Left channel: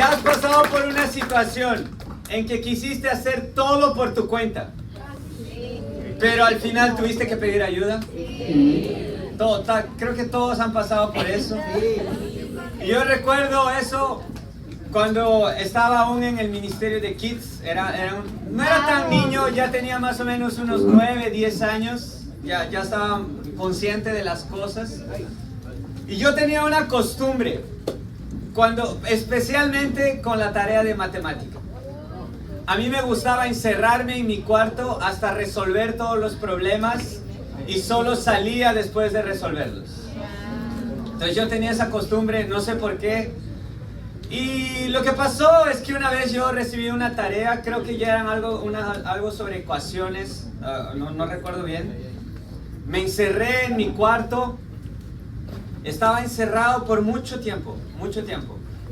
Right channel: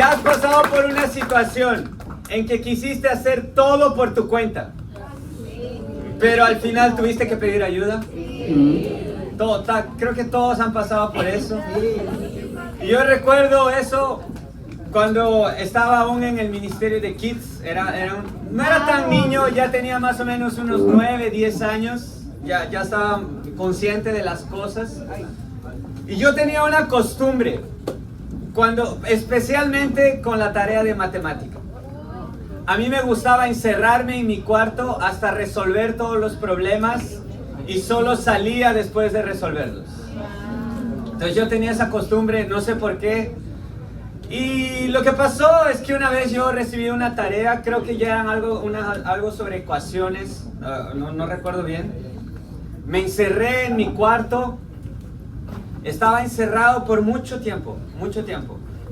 Ya has pasado por una situación en que quisiste hacer todo por tu cuenta, pero al final tuviste que pedir ayuda. Creo que todos han pasado por eso. Y yo recuerdo eso cuando estaba aún en el ministerio de Kids. No era tan niño, ya tenía más o menos unos 9, 10 años. Ya estaba consciente de las cosas. Y yo tenía una costumbre, especialmente con la tarea de matemática. A mí me gustaba encerrarme en mi cuarto hasta resolver todos los problemas y solo salía después de resolverlos. Entonces yo tenía esa costumbre, no sé por qué. Y lo que pasó es que una vez yo recibí una tarea, creo que ya eran algo sobre ecuaciones, no recuerdo bien. Me encerré en mi cuarto, estaba encerrado por mucho tiempo.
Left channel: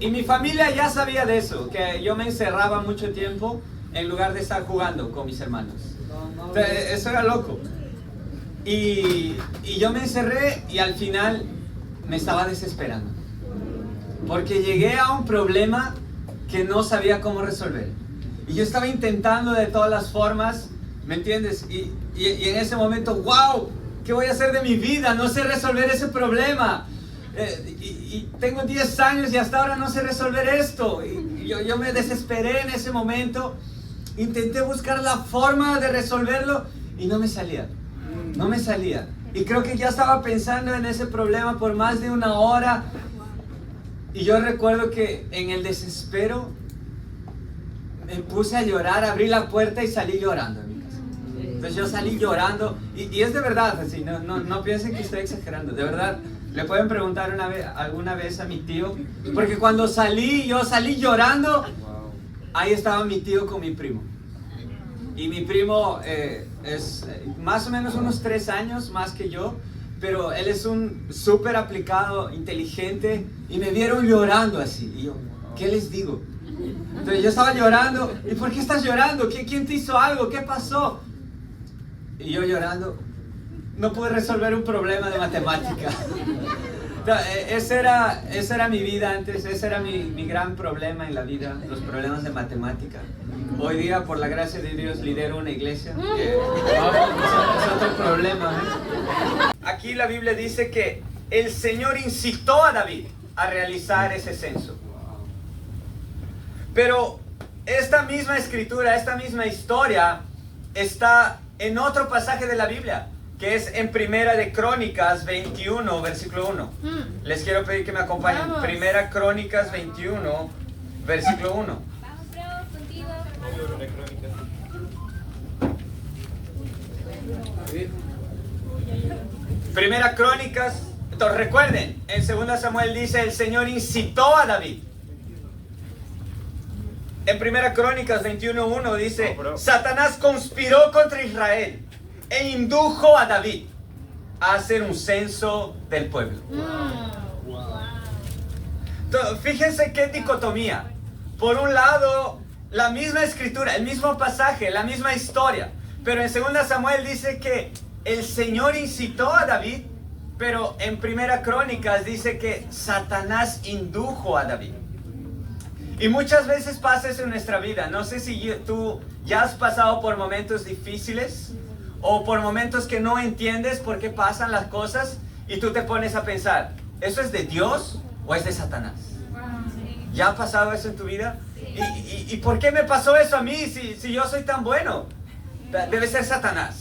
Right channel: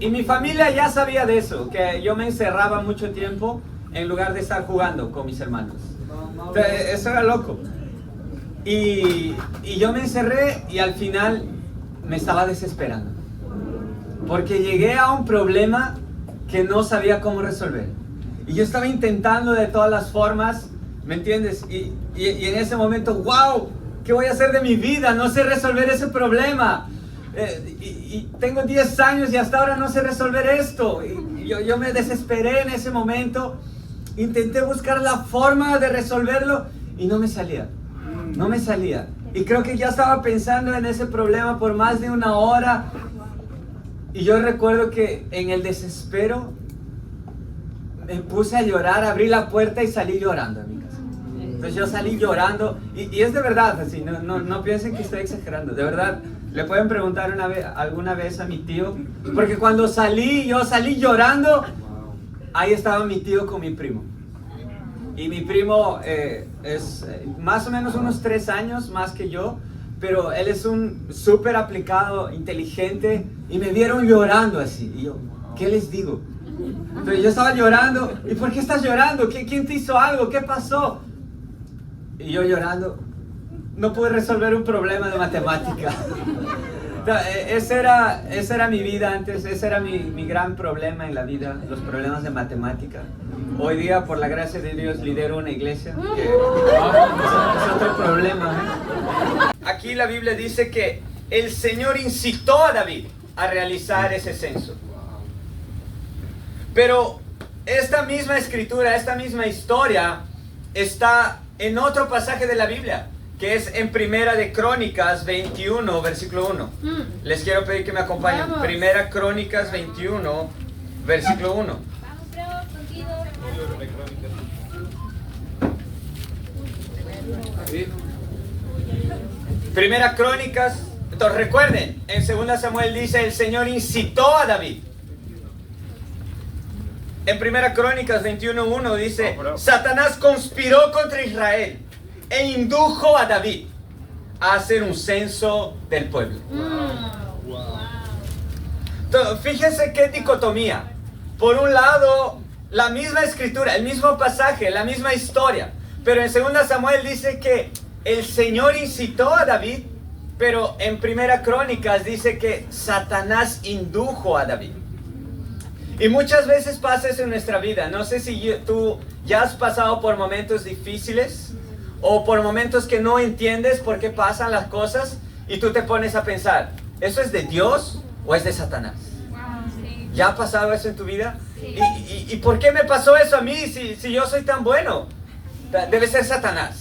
Y mi familia ya sabía de eso, que yo me encerraba mucho tiempo en lugar de estar jugando con mis hermanos. Entonces, eso era loco. Y yo me encerré y al final me estaba desesperando. Porque llegué a un problema que no sabía cómo resolver. Y yo estaba intentando de todas las formas, ¿me entiendes? Y en ese momento, wow, ¿qué voy a hacer de mi vida? No sé resolver ese problema. Y tengo 10 años y hasta ahora no sé resolver esto. Y yo me desesperé en ese momento. Intenté buscar la forma de resolverlo y no me salía. Y creo que ya estaba pensando en ese problema por más de una hora. Y yo recuerdo que en el desespero me puse a llorar, abrí la puerta y salí llorando en mi casa. Entonces yo salí llorando y es de verdad, así, no piensen que estoy exagerando, de verdad. Le pueden preguntar alguna vez a mi tío, porque cuando yo salí llorando, ahí estaba mi tío con mi primo. Y mi primo es más o menos unos 3 años más que yo, pero él es un súper aplicado, inteligente, y me vieron llorando así. Y yo, ¿qué les digo? Entonces yo estaba llorando. ¿Y por qué estás llorando? ¿Quién te hizo algo? ¿Qué pasó? Y yo llorando, no pude resolver un problema de matemática. Esa era mi vida antes, ese era mi gran problema en la vida, los problemas de matemática. Hoy día, por la gracia de Dios, lidero una iglesia, que es otro problema, ¿eh? Aquí la Biblia dice que el Señor incitó a David a realizar ese censo. Pero esta misma escritura, esta misma historia está en otro pasaje de la Biblia, que es en Primera de Crónicas 21, versículo 1. Les quiero pedir que me acompañen. Primera Crónicas 21, versículo 1. Primera Crónicas, entonces recuerden, en 2 Samuel dice, el Señor incitó a David. En Primera Crónicas 21:1 dice, Satanás conspiró contra Israel e indujo a David a hacer un censo del pueblo. Entonces, fíjense qué dicotomía. Por un lado, la misma escritura, el mismo pasaje, la misma historia. Pero en 2 Samuel dice que el Señor incitó a David, pero en Primera Crónicas dice que Satanás indujo a David. Y muchas veces pasa eso en nuestra vida. No sé si tú ya has pasado por momentos difíciles o por momentos que no entiendes por qué pasan las cosas y tú te pones a pensar, ¿eso es de Dios o es de Satanás? ¿Ya ha pasado eso en tu vida? ¿Y por qué me pasó eso a mí si yo soy tan bueno? Debe ser Satanás.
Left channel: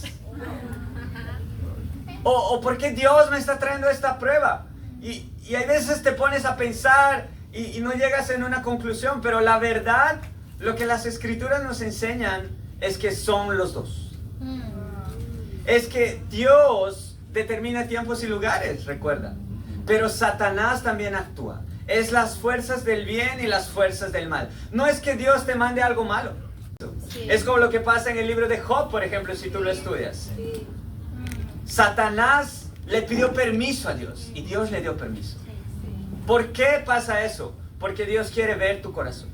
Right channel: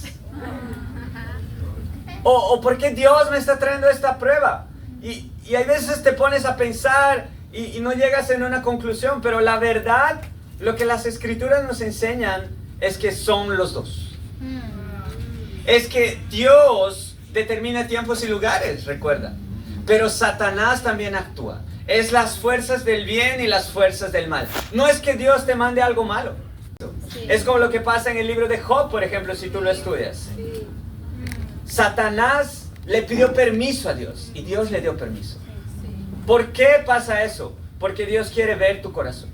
¿O por qué Dios me está trayendo esta prueba? Y hay veces te pones a pensar y no llegas en una conclusión, pero la verdad, lo que las escrituras nos enseñan es que son los dos. Es que Dios determina tiempos y lugares, recuerda. Pero Satanás también actúa. Es las fuerzas del bien y las fuerzas del mal. No es que Dios te mande algo malo. Es como lo que pasa en el libro de Job, por ejemplo, si tú lo estudias. Satanás le pidió permiso a Dios y Dios le dio permiso. ¿Por qué pasa eso? Porque Dios quiere ver tu corazón.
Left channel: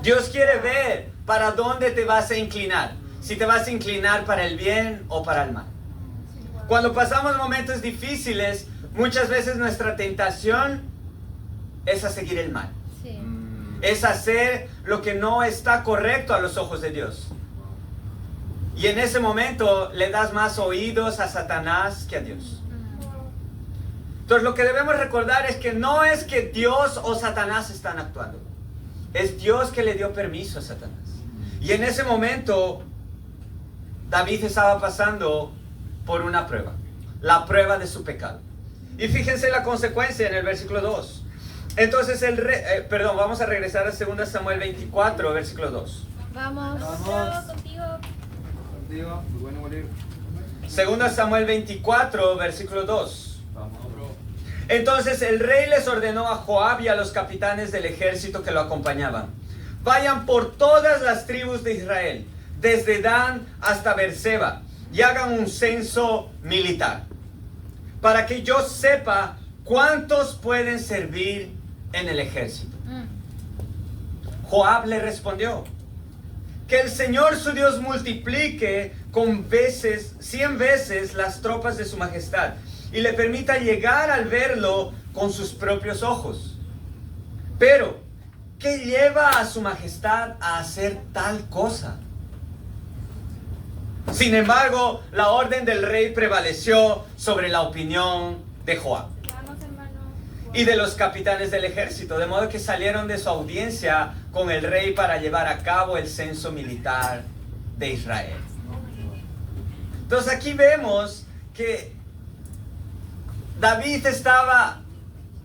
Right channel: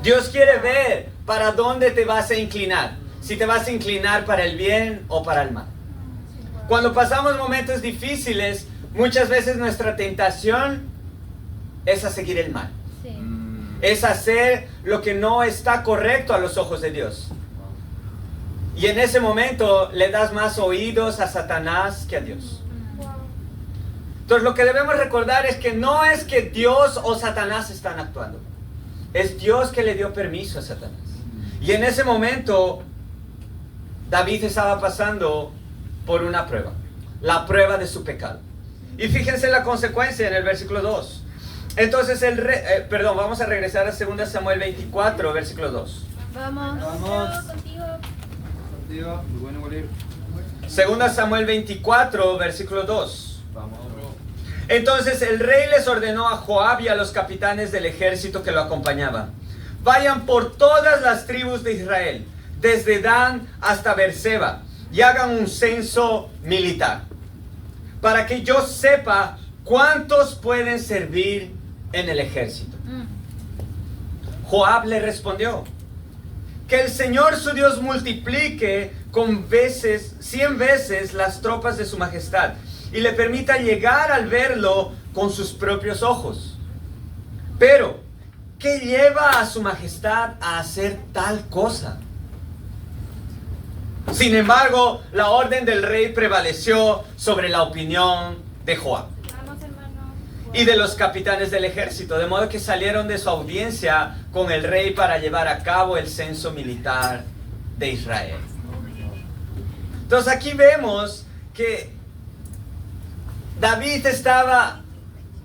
Dios quiere ver para dónde te vas a inclinar. Si te vas a inclinar para el bien o para el mal. Cuando pasamos momentos difíciles, muchas veces nuestra tentación es a seguir el mal. Es hacer lo que no está correcto a los ojos de Dios. Y en ese momento le das más oídos a Satanás que a Dios. Entonces lo que debemos recordar es que no es que Dios o Satanás están actuando. Es Dios que le dio permiso a Satanás. Y en ese momento David estaba pasando por una prueba. La prueba de su pecado. Y fíjense la consecuencia en el versículo 2. Entonces vamos a regresar a 2 Samuel 24, versículo 2. Vamos. Segunda Samuel 24, versículo 2. Entonces el rey les ordenó a Joab y a los capitanes del ejército que lo acompañaban: vayan por todas las tribus de Israel, desde Dan hasta Beerseba, y hagan un censo militar, para que yo sepa cuántos pueden servir en el ejército. Joab le respondió: que el Señor su Dios multiplique con 100 veces las tropas de su majestad y le permita llegar al verlo con sus propios ojos. Pero, ¿qué lleva a su majestad a hacer tal cosa? Sin embargo, la orden del rey prevaleció sobre la opinión de Joab y de los capitanes del ejército, de modo que salieron de su audiencia con el rey para llevar a cabo el censo militar de Israel. Entonces aquí vemos que David estaba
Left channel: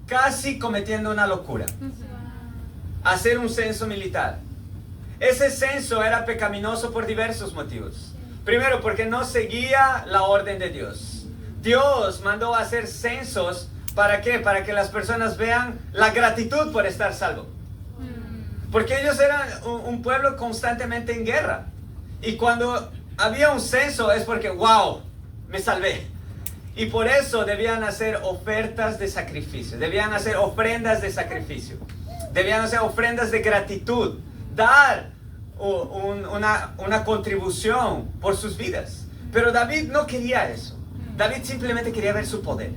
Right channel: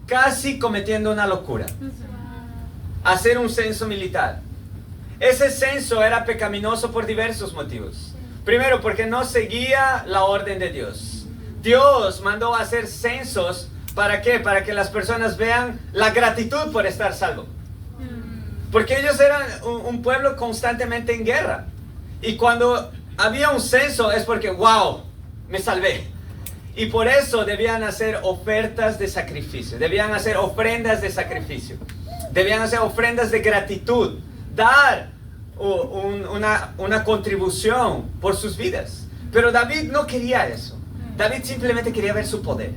casi cometiendo una locura: hacer un censo militar. Ese censo era pecaminoso por diversos motivos. Primero, porque no seguía la orden de Dios. Dios mandó a hacer censos. ¿Para qué? Para que las personas vean la gratitud por estar salvo. Porque ellos eran un pueblo constantemente en guerra. Y cuando había un censo es porque, wow, me salvé. Y por eso debían hacer ofertas de sacrificio. Debían hacer ofrendas de sacrificio. Debían hacer ofrendas de gratitud. Dar una contribución por sus vidas. Pero David no quería eso. David simplemente quería ver su poder.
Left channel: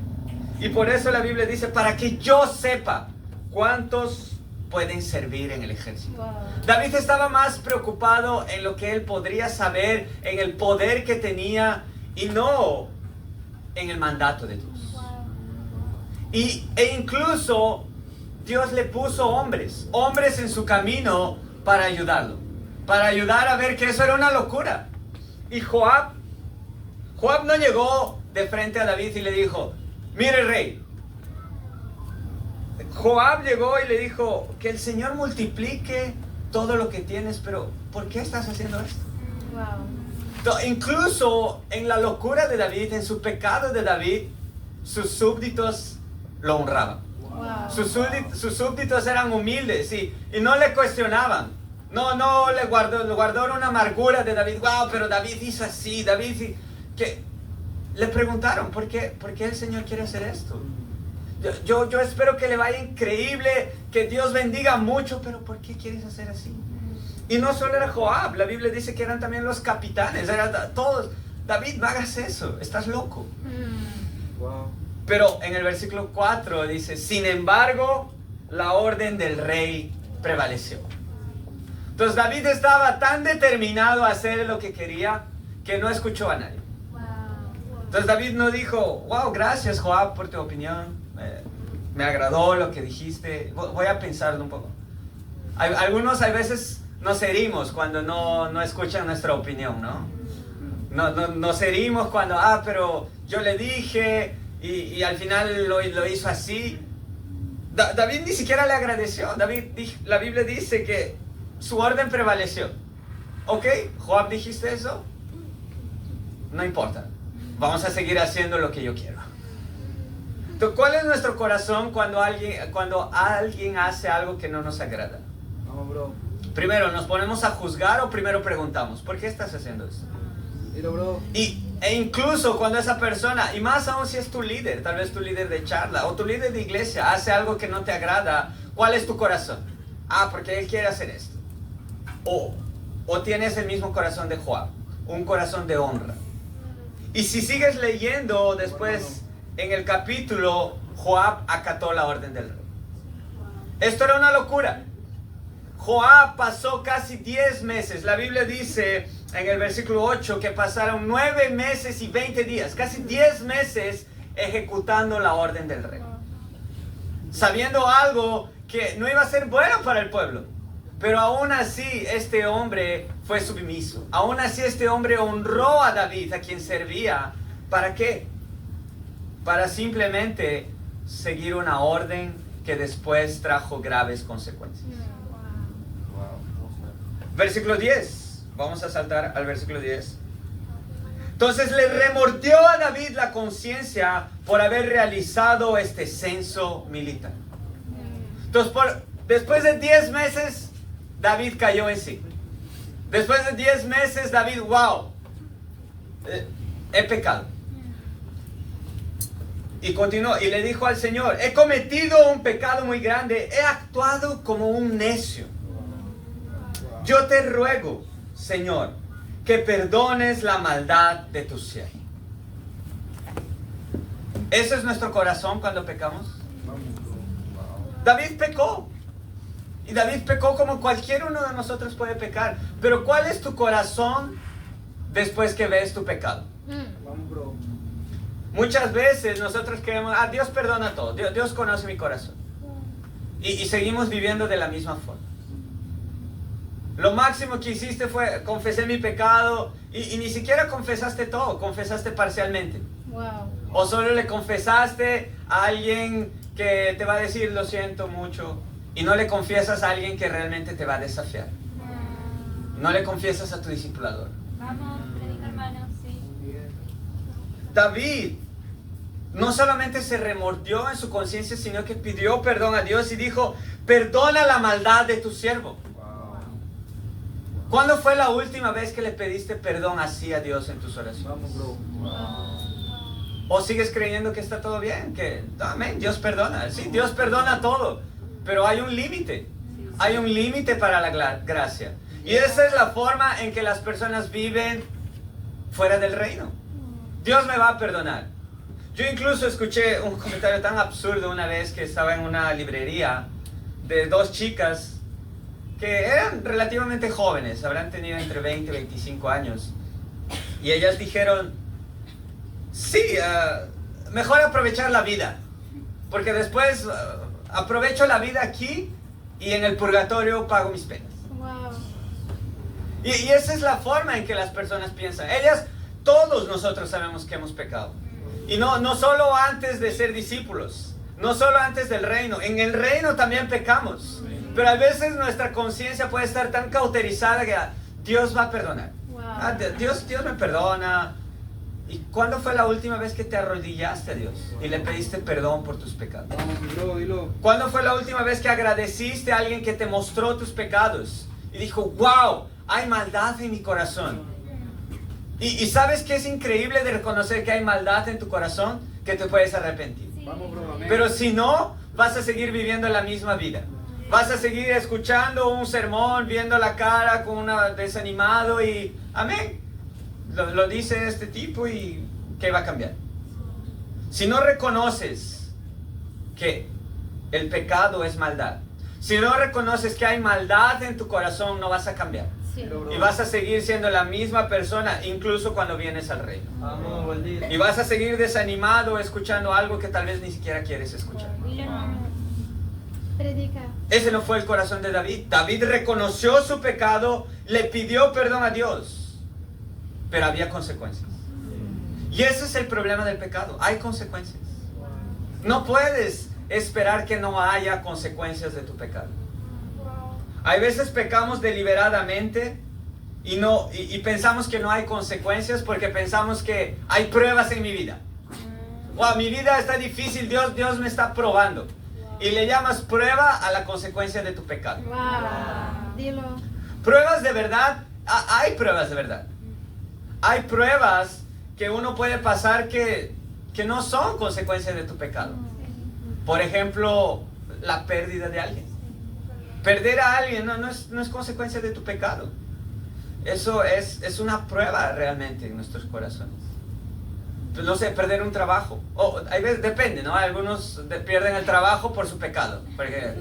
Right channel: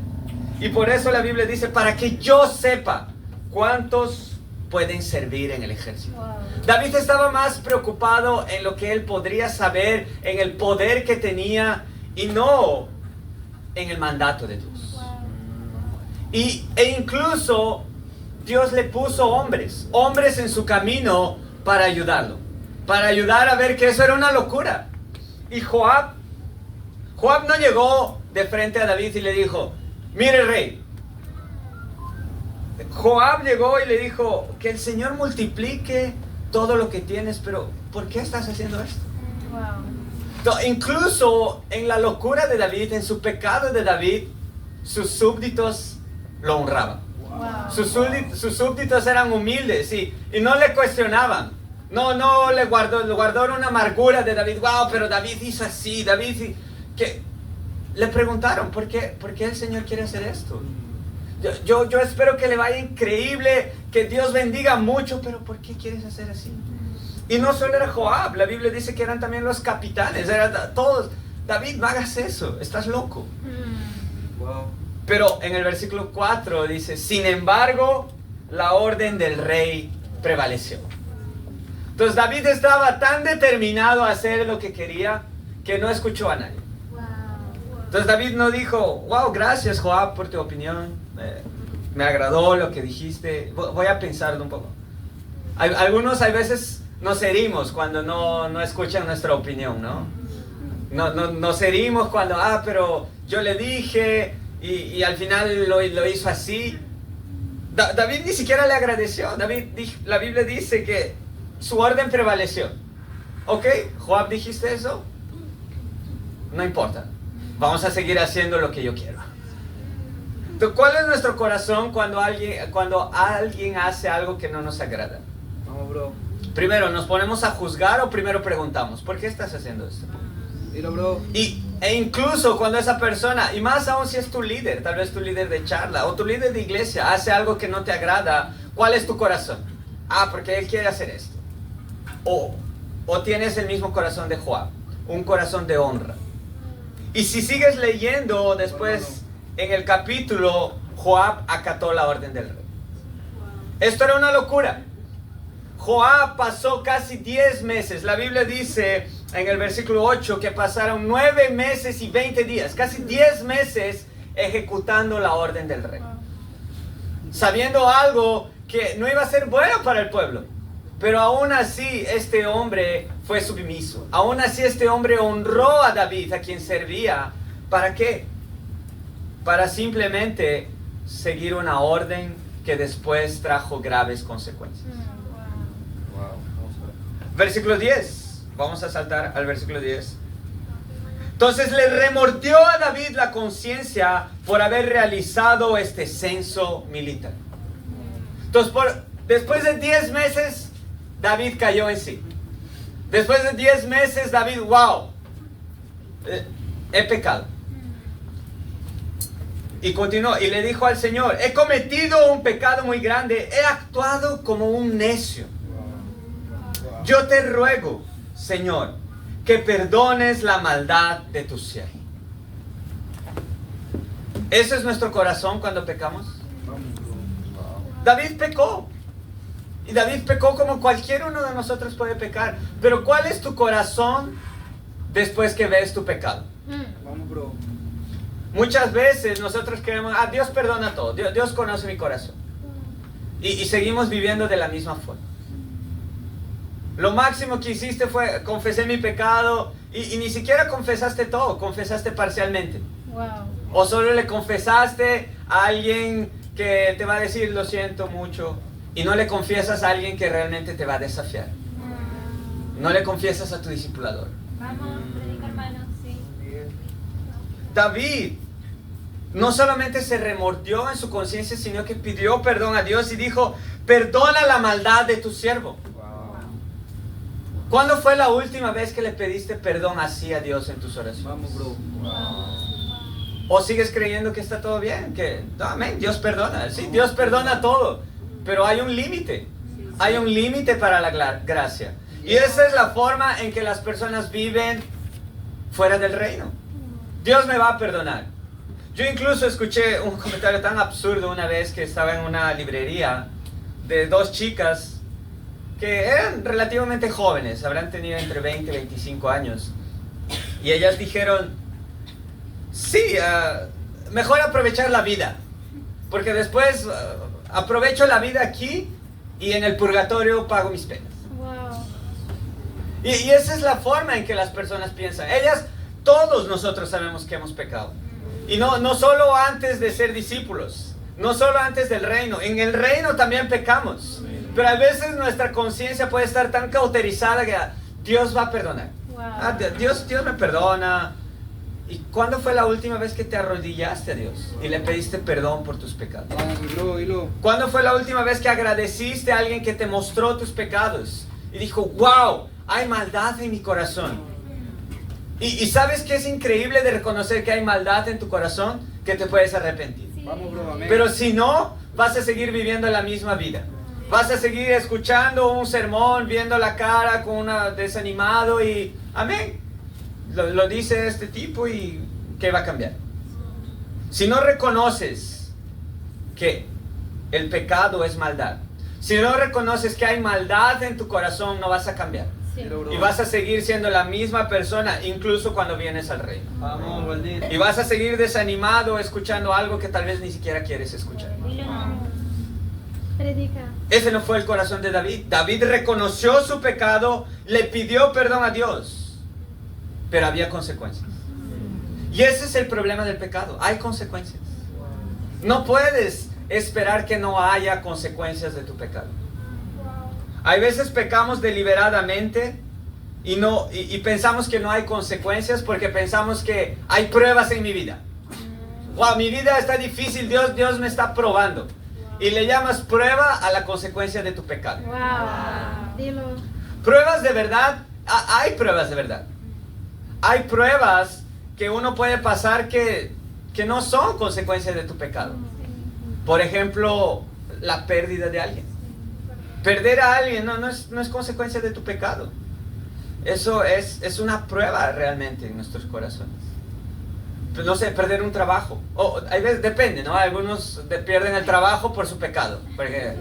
Y por eso la Biblia dice: para que yo sepa cuántos pueden servir en el ejército. David estaba más preocupado en lo que él podría saber, en el poder que tenía, y no en el mandato de Dios. E incluso Dios le puso hombres en su camino para ayudarlo, para ayudar a ver que eso era una locura. Y Joab no llegó de frente a David y le dijo: mire, rey. Joab llegó y le dijo: que el Señor multiplique todo lo que tienes, pero ¿por qué estás haciendo esto? Incluso en la locura de David, en su pecado de David, sus súbditos lo honraban. Sus súbditos eran humildes y no le cuestionaban. No le guardaron una amargura de David. Wow, pero David hizo así, que le preguntaron: ¿por qué el Señor quiere hacer esto? Yo espero que le vaya increíble, que Dios bendiga mucho, pero ¿por qué quieres hacer así? Y no solo era Joab, la Biblia dice que eran también los capitanes, eran todos. David, no hagas eso, estás loco. Wow. Pero en el versículo 4 dice: sin embargo, la orden del rey prevaleció. Entonces David estaba tan determinado a hacer lo que quería que no escuchó a nadie. Entonces David no dijo: wow, gracias Joab por tu opinión, me agradó lo que dijiste, voy a pensarlo un poco. Algunos a veces nos herimos cuando no escuchan nuestra opinión, ¿no? Nos herimos cuando, pero yo le dije y al final lo hizo así. David ni siquiera le agradeció. La Biblia dice que su orden prevaleció. Ok, Joab, dijiste eso, no importa, vamos a seguir haciendo lo que yo quiero. Entonces, ¿cuál es nuestro corazón cuando alguien hace algo que no nos agrada? No, bro. Primero, ¿nos ponemos a juzgar o primero preguntamos: ¿por qué estás haciendo esto? Mira, bro. E incluso cuando esa persona, y más aún si es tu líder, tal vez tu líder de charla o tu líder de iglesia, hace algo que no te agrada, ¿cuál es tu corazón? Porque él quiere hacer esto. O tienes el mismo corazón de Joab, un corazón de honra. Y si sigues leyendo después en el capítulo, Joab acató la orden del rey. Esto era una locura. Joab pasó casi 10 meses. La Biblia dice en el versículo 8 que pasaron 9 meses y 20 días, casi 10 meses ejecutando la orden del rey. Sabiendo algo que no iba a ser bueno para el pueblo. Pero aún así este hombre fue sumiso. Aún así este hombre honró a David, a quien servía. ¿Para qué? Para simplemente seguir una orden que después trajo graves consecuencias. Versículo 10. Vamos a saltar al versículo 10. Entonces le remordió a David la conciencia por haber realizado este censo militar. Entonces después de 10 meses, David cayó en sí. Después de 10 meses, David, wow, he pecado. Y continuó, y le dijo al Señor, he cometido un pecado muy grande, he actuado como un necio. Yo te ruego, Señor, que perdones la maldad de tu siervo. ¿Eso es nuestro corazón cuando pecamos? David pecó. Y David pecó como cualquier uno de nosotros puede pecar. Pero ¿cuál es tu corazón después que ves tu pecado? Vamos, bro. Muchas veces nosotros queremos, Dios perdona todo, Dios conoce mi corazón. Y seguimos viviendo de la misma forma. Lo máximo que hiciste fue, confesé mi pecado, y ni siquiera confesaste todo, confesaste parcialmente. Wow. O solo le confesaste a alguien que te va a decir, lo siento mucho, y no le confiesas a alguien que realmente te va a desafiar. No le confiesas a tu discipulador. Vamos, hermano, sí. David no solamente se remordió en su conciencia, sino que pidió perdón a Dios y dijo, perdona la maldad de tu siervo. ¿Cuándo fue la última vez que le pediste perdón así a Dios en tus oraciones? Vamos, bro. ¿O sigues creyendo que está todo bien? Que, amén, Dios perdona. Sí, Dios perdona todo. Pero hay un límite. Hay un límite para la gracia. Y esa es la forma en que las personas viven fuera del reino. Dios me va a perdonar. Yo incluso escuché un comentario tan absurdo una vez que estaba en una librería de dos chicas que eran relativamente jóvenes, habrán tenido entre 20 y 25 años. Y ellas dijeron, sí, mejor aprovechar la vida, porque después aprovecho la vida aquí y en el purgatorio pago mis penas. Wow. Y esa es la forma en que las personas piensan. Ellas, todos nosotros sabemos que hemos pecado. Y no solo antes de ser discípulos, no solo antes del reino, en el reino también pecamos. Pero a veces nuestra conciencia puede estar tan cauterizada que Dios va a perdonar. Wow. Dios me perdona. ¿Y cuándo fue la última vez que te arrodillaste a Dios y le pediste perdón por tus pecados? Vamos, bro, dilo. ¿Cuándo fue la última vez que agradeciste a alguien que te mostró tus pecados y dijo, wow, hay maldad en mi corazón? Y ¿sabes qué es increíble de reconocer que hay maldad en tu corazón? Que te puedes arrepentir. Vamos, bro, amén. Pero si no, vas a seguir viviendo la misma vida. Vas a seguir escuchando un sermón, viendo la cara con una desanimado y amén. Lo dice este tipo y ¿qué va a cambiar? Si no reconoces que el pecado es maldad, si no reconoces que hay maldad en tu corazón, no vas a cambiar. Sí. Y vas a seguir siendo la misma persona incluso cuando vienes al reino. Vamos, bendito. Y vas a seguir desanimado escuchando algo que tal vez ni siquiera quieres escuchar. Dilo, hermano. Predica. Ese no fue el corazón de David. David reconoció su pecado, le pidió perdón a Dios, pero había consecuencias. Y ese es el problema del pecado, hay consecuencias. No puedes esperar que no haya consecuencias de tu pecado. Hay veces pecamos deliberadamente y pensamos que no hay consecuencias porque pensamos que hay pruebas en mi vida. Wow, mi vida está difícil, Dios me está probando. Y le llamas prueba a la consecuencia de tu pecado. Wow. Dilo. Pruebas de verdad, hay pruebas de verdad. Hay pruebas que uno puede pasar que no son consecuencias de tu pecado. Por ejemplo, la pérdida de alguien. Perder a alguien no es consecuencia de tu pecado. Eso es una prueba realmente en nuestros corazones. Pues no sé, perder un trabajo. Hay veces, depende, ¿no? Algunos pierden el trabajo por su pecado. Porque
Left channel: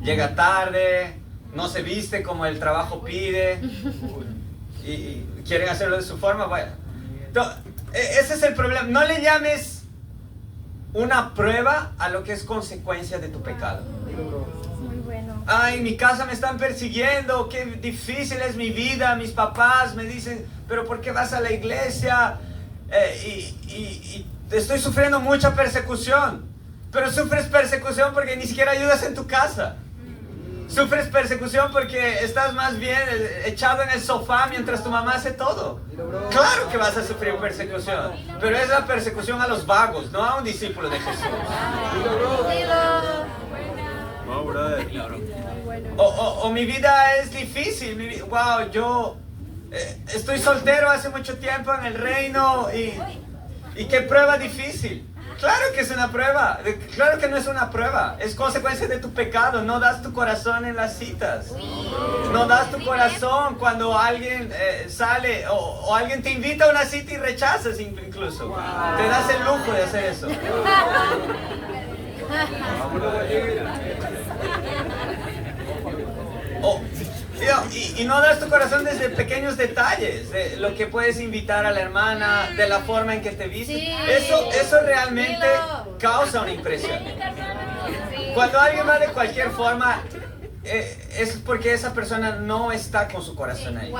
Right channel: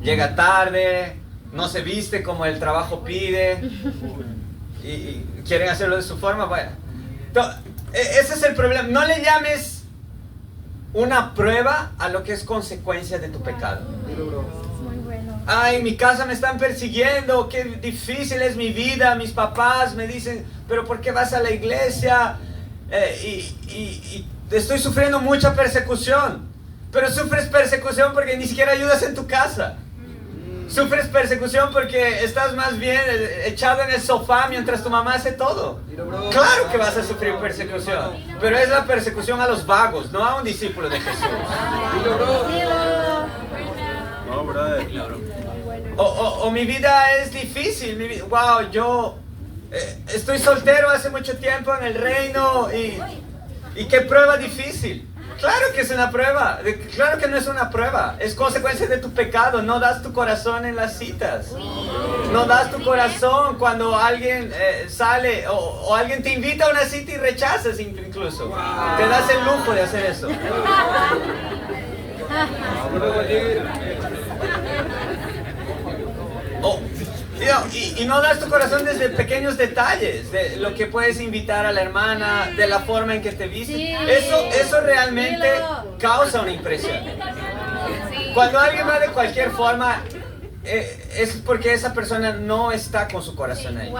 llega tarde, no se viste como el trabajo pide y quieren hacerlo de su forma, vaya. Ese es el problema. No le llames una prueba a lo que es consecuencia de tu pecado. Muy bueno. Ay, mi casa me están persiguiendo, qué difícil es mi vida. Mis papás me dicen, pero ¿por qué vas a la iglesia? Y estoy sufriendo mucha persecución. Pero sufres persecución porque ni siquiera ayudas en tu casa. Sufres persecución porque estás más bien echado en el sofá mientras tu mamá hace todo. Claro que vas a sufrir persecución, pero es la persecución a los vagos, no a un discípulo de Jesús. No, brother. O mi vida es difícil. Wow, yo estoy soltero hace mucho tiempo en el reino y qué prueba difícil. Claro que es una prueba, claro que no es una prueba, es consecuencia de tu pecado. No das tu corazón en las citas, no das tu corazón cuando alguien sale o alguien te invita a una cita y rechazas incluso. Te das el lujo de hacer eso. Y no das tu corazón desde pequeños detalles, de lo que puedes invitar a la hermana, de la forma en que te vistes. Sí. Eso realmente causa una impresión. Cuando alguien va de cualquier forma, es porque esa persona no está con su corazón ahí.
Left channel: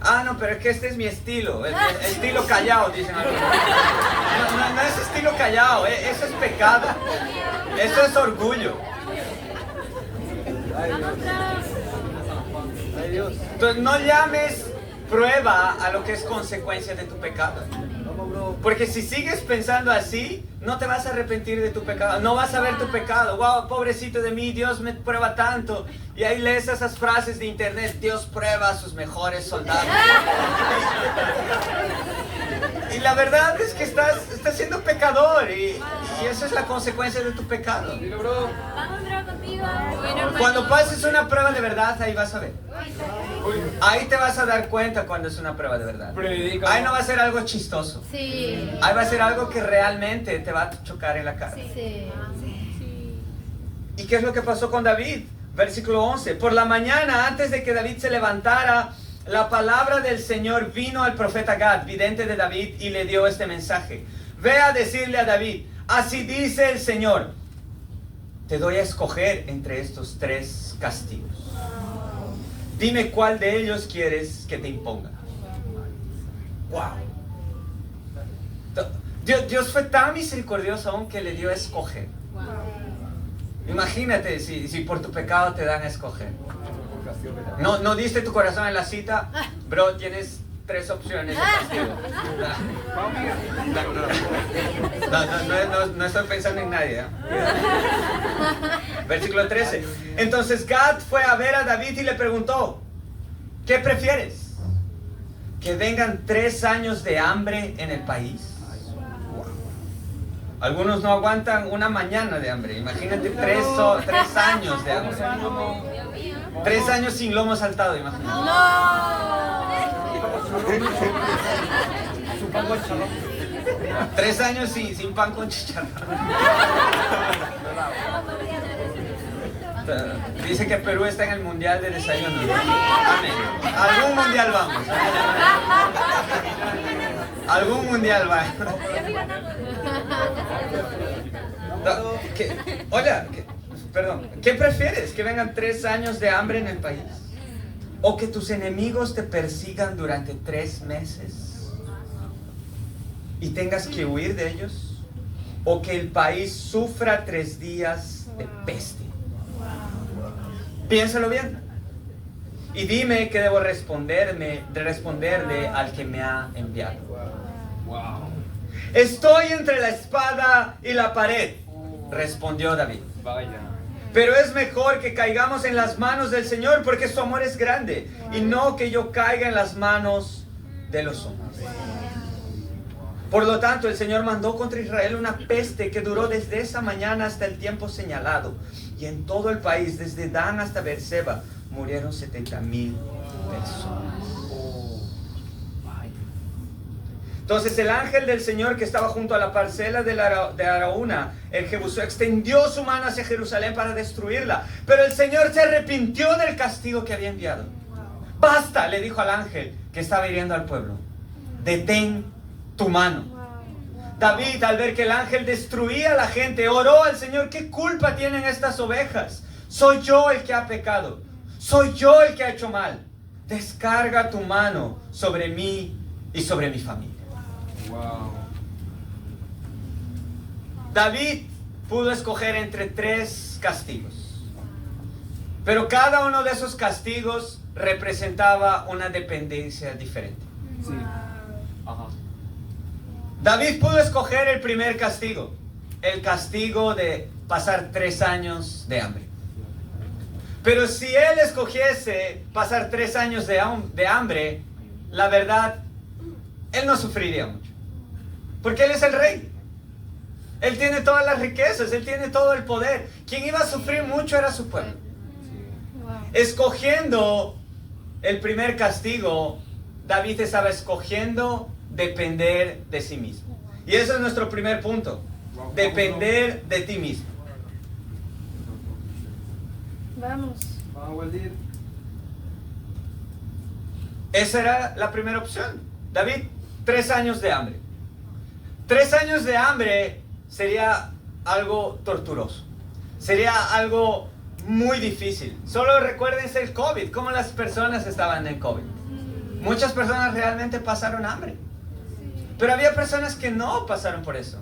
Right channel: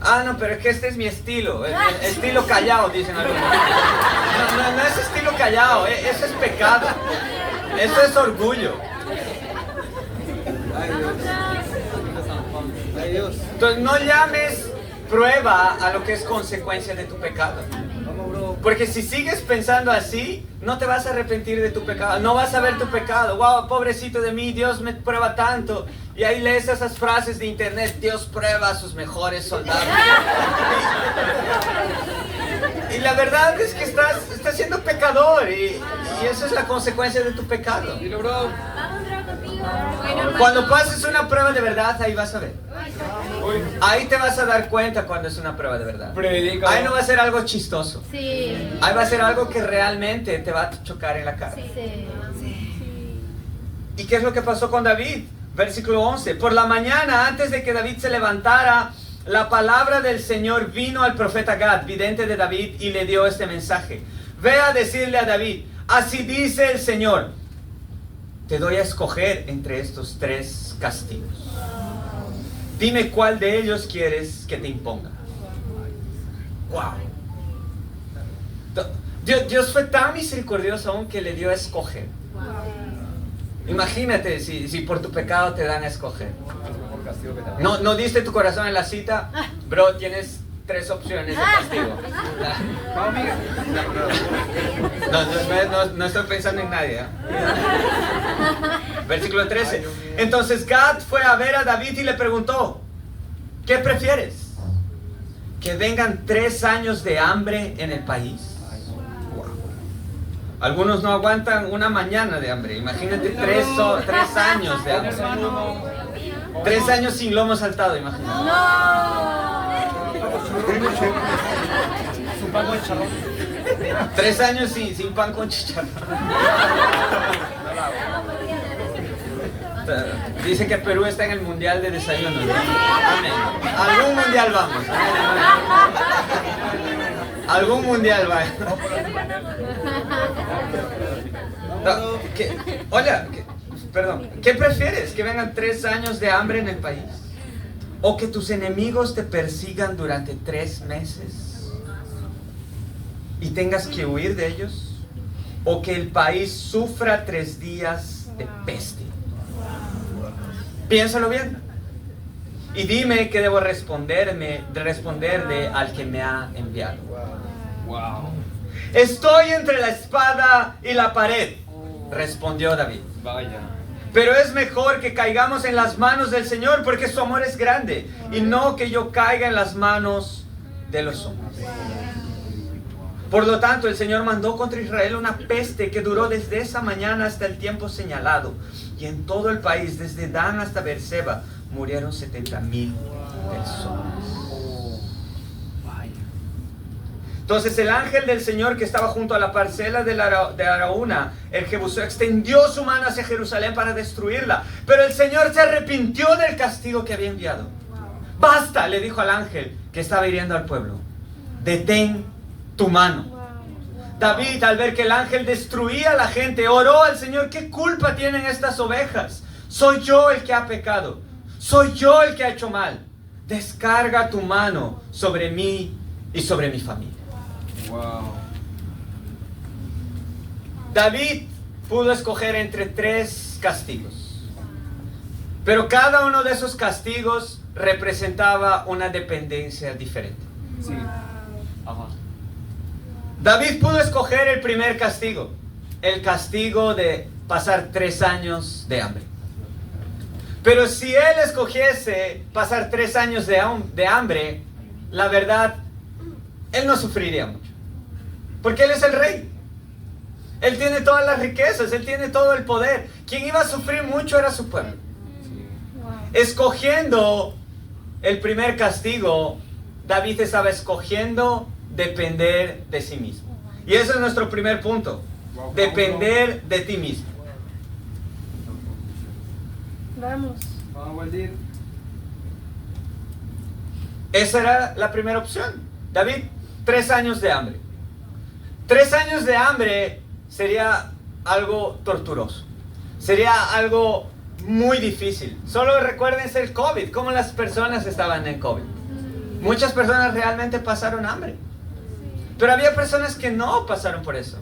Ah, no, pero es que este es mi estilo, estilo callado, dicen algunos. No es estilo callado, eso es pecado, eso es orgullo. Entonces no llames prueba a lo que es consecuencia de tu pecado. Porque si sigues pensando así, no te vas a arrepentir de tu pecado, no vas a ver tu pecado. Wow, pobrecito de mí, Dios me prueba tanto. Y ahí lees esas frases de internet, Dios prueba a sus mejores soldados. Y la verdad es que estás siendo pecador y esa es la consecuencia de tu pecado. Cuando pases una prueba de verdad, ahí vas a ver. Ahí te vas a dar cuenta cuando es una prueba de verdad. Ahí no va a ser algo chistoso. Sí. Ahí va a ser algo que realmente te va a chocar en la cara. Sí. ¿Y qué es lo que pasó con David? Versículo 11. Por la mañana, antes de que David se levantara, la palabra del Señor vino al profeta Gad, vidente de David, y le dio este mensaje. Ve a decirle a David, así dice el Señor, te doy a escoger entre estos 3 castigos. Dime cuál de ellos quieres que te imponga. Wow. Dios fue tan misericordioso aún que le dio a escoger. Imagínate si por tu pecado te dan a escoger. No diste tu corazón en la cita, bro, tienes 3 opciones de castigo. No estoy pensando en nadie, ¿eh? Versículo 13. Entonces Gad fue a ver a David y le preguntó, ¿qué prefieres? ¿Que vengan 3 años de hambre en el país? Algunos no aguantan una mañana de hambre. Imagínate 3 años de hambre. 3 años sin lomo saltado, imagínate. 3 años sin pan con chicharrón. Dice que Perú está en el mundial de desayuno. Amén. Algún mundial vamos. Algún mundial va. Perdón. ¿Qué prefieres? ¿Que vengan 3 años de hambre en el país? ¿O que tus enemigos te persigan durante 3 meses y tengas que huir de ellos? ¿O que el país sufra 3 días de peste? Piénsalo bien. Y dime qué debo responderle al que me ha enviado. Estoy entre la espada y la pared, respondió David. Pero es mejor que caigamos en las manos del Señor, porque su amor es grande, y no que yo caiga en las manos de los hombres. Por lo tanto, el Señor mandó contra Israel una peste que duró desde esa mañana hasta el tiempo señalado. Y en todo el país, desde Dan hasta Beerseba, murieron 70,000 personas. Entonces el ángel del Señor que estaba junto a la parcela de Araúna, el Jebuseo, extendió su mano hacia Jerusalén para destruirla. Pero el Señor se arrepintió del castigo que había enviado. Basta, le dijo al ángel que estaba hiriendo al pueblo. Detén tu mano. David, al ver que el ángel destruía a la gente, oró al Señor: ¿qué culpa tienen estas ovejas? Soy yo el que ha pecado. Soy yo el que ha hecho mal. Descarga tu mano sobre mí y sobre mi familia. Wow. David pudo escoger entre 3 castigos. Pero cada uno de esos castigos representaba una dependencia diferente. Sí. Ajá. David pudo escoger el primer castigo, el castigo de pasar 3 años de hambre. Pero si él escogiese pasar 3 años de hambre, la verdad, él no sufriría mucho. Porque él es el rey. Él tiene todas las riquezas, él tiene todo el poder. Quien iba a sufrir mucho era su pueblo. Escogiendo el primer castigo, David estaba escogiendo depender de sí mismo. Y eso es nuestro primer punto. Depender de ti mismo. Vamos. Esa era la primera opción. David, 3 años de hambre. 3 años de hambre sería algo torturoso. Sería algo muy difícil. Solo recuérdense el COVID, cómo las personas estaban en COVID. Muchas personas realmente pasaron hambre. Pero había personas que no pasaron por eso.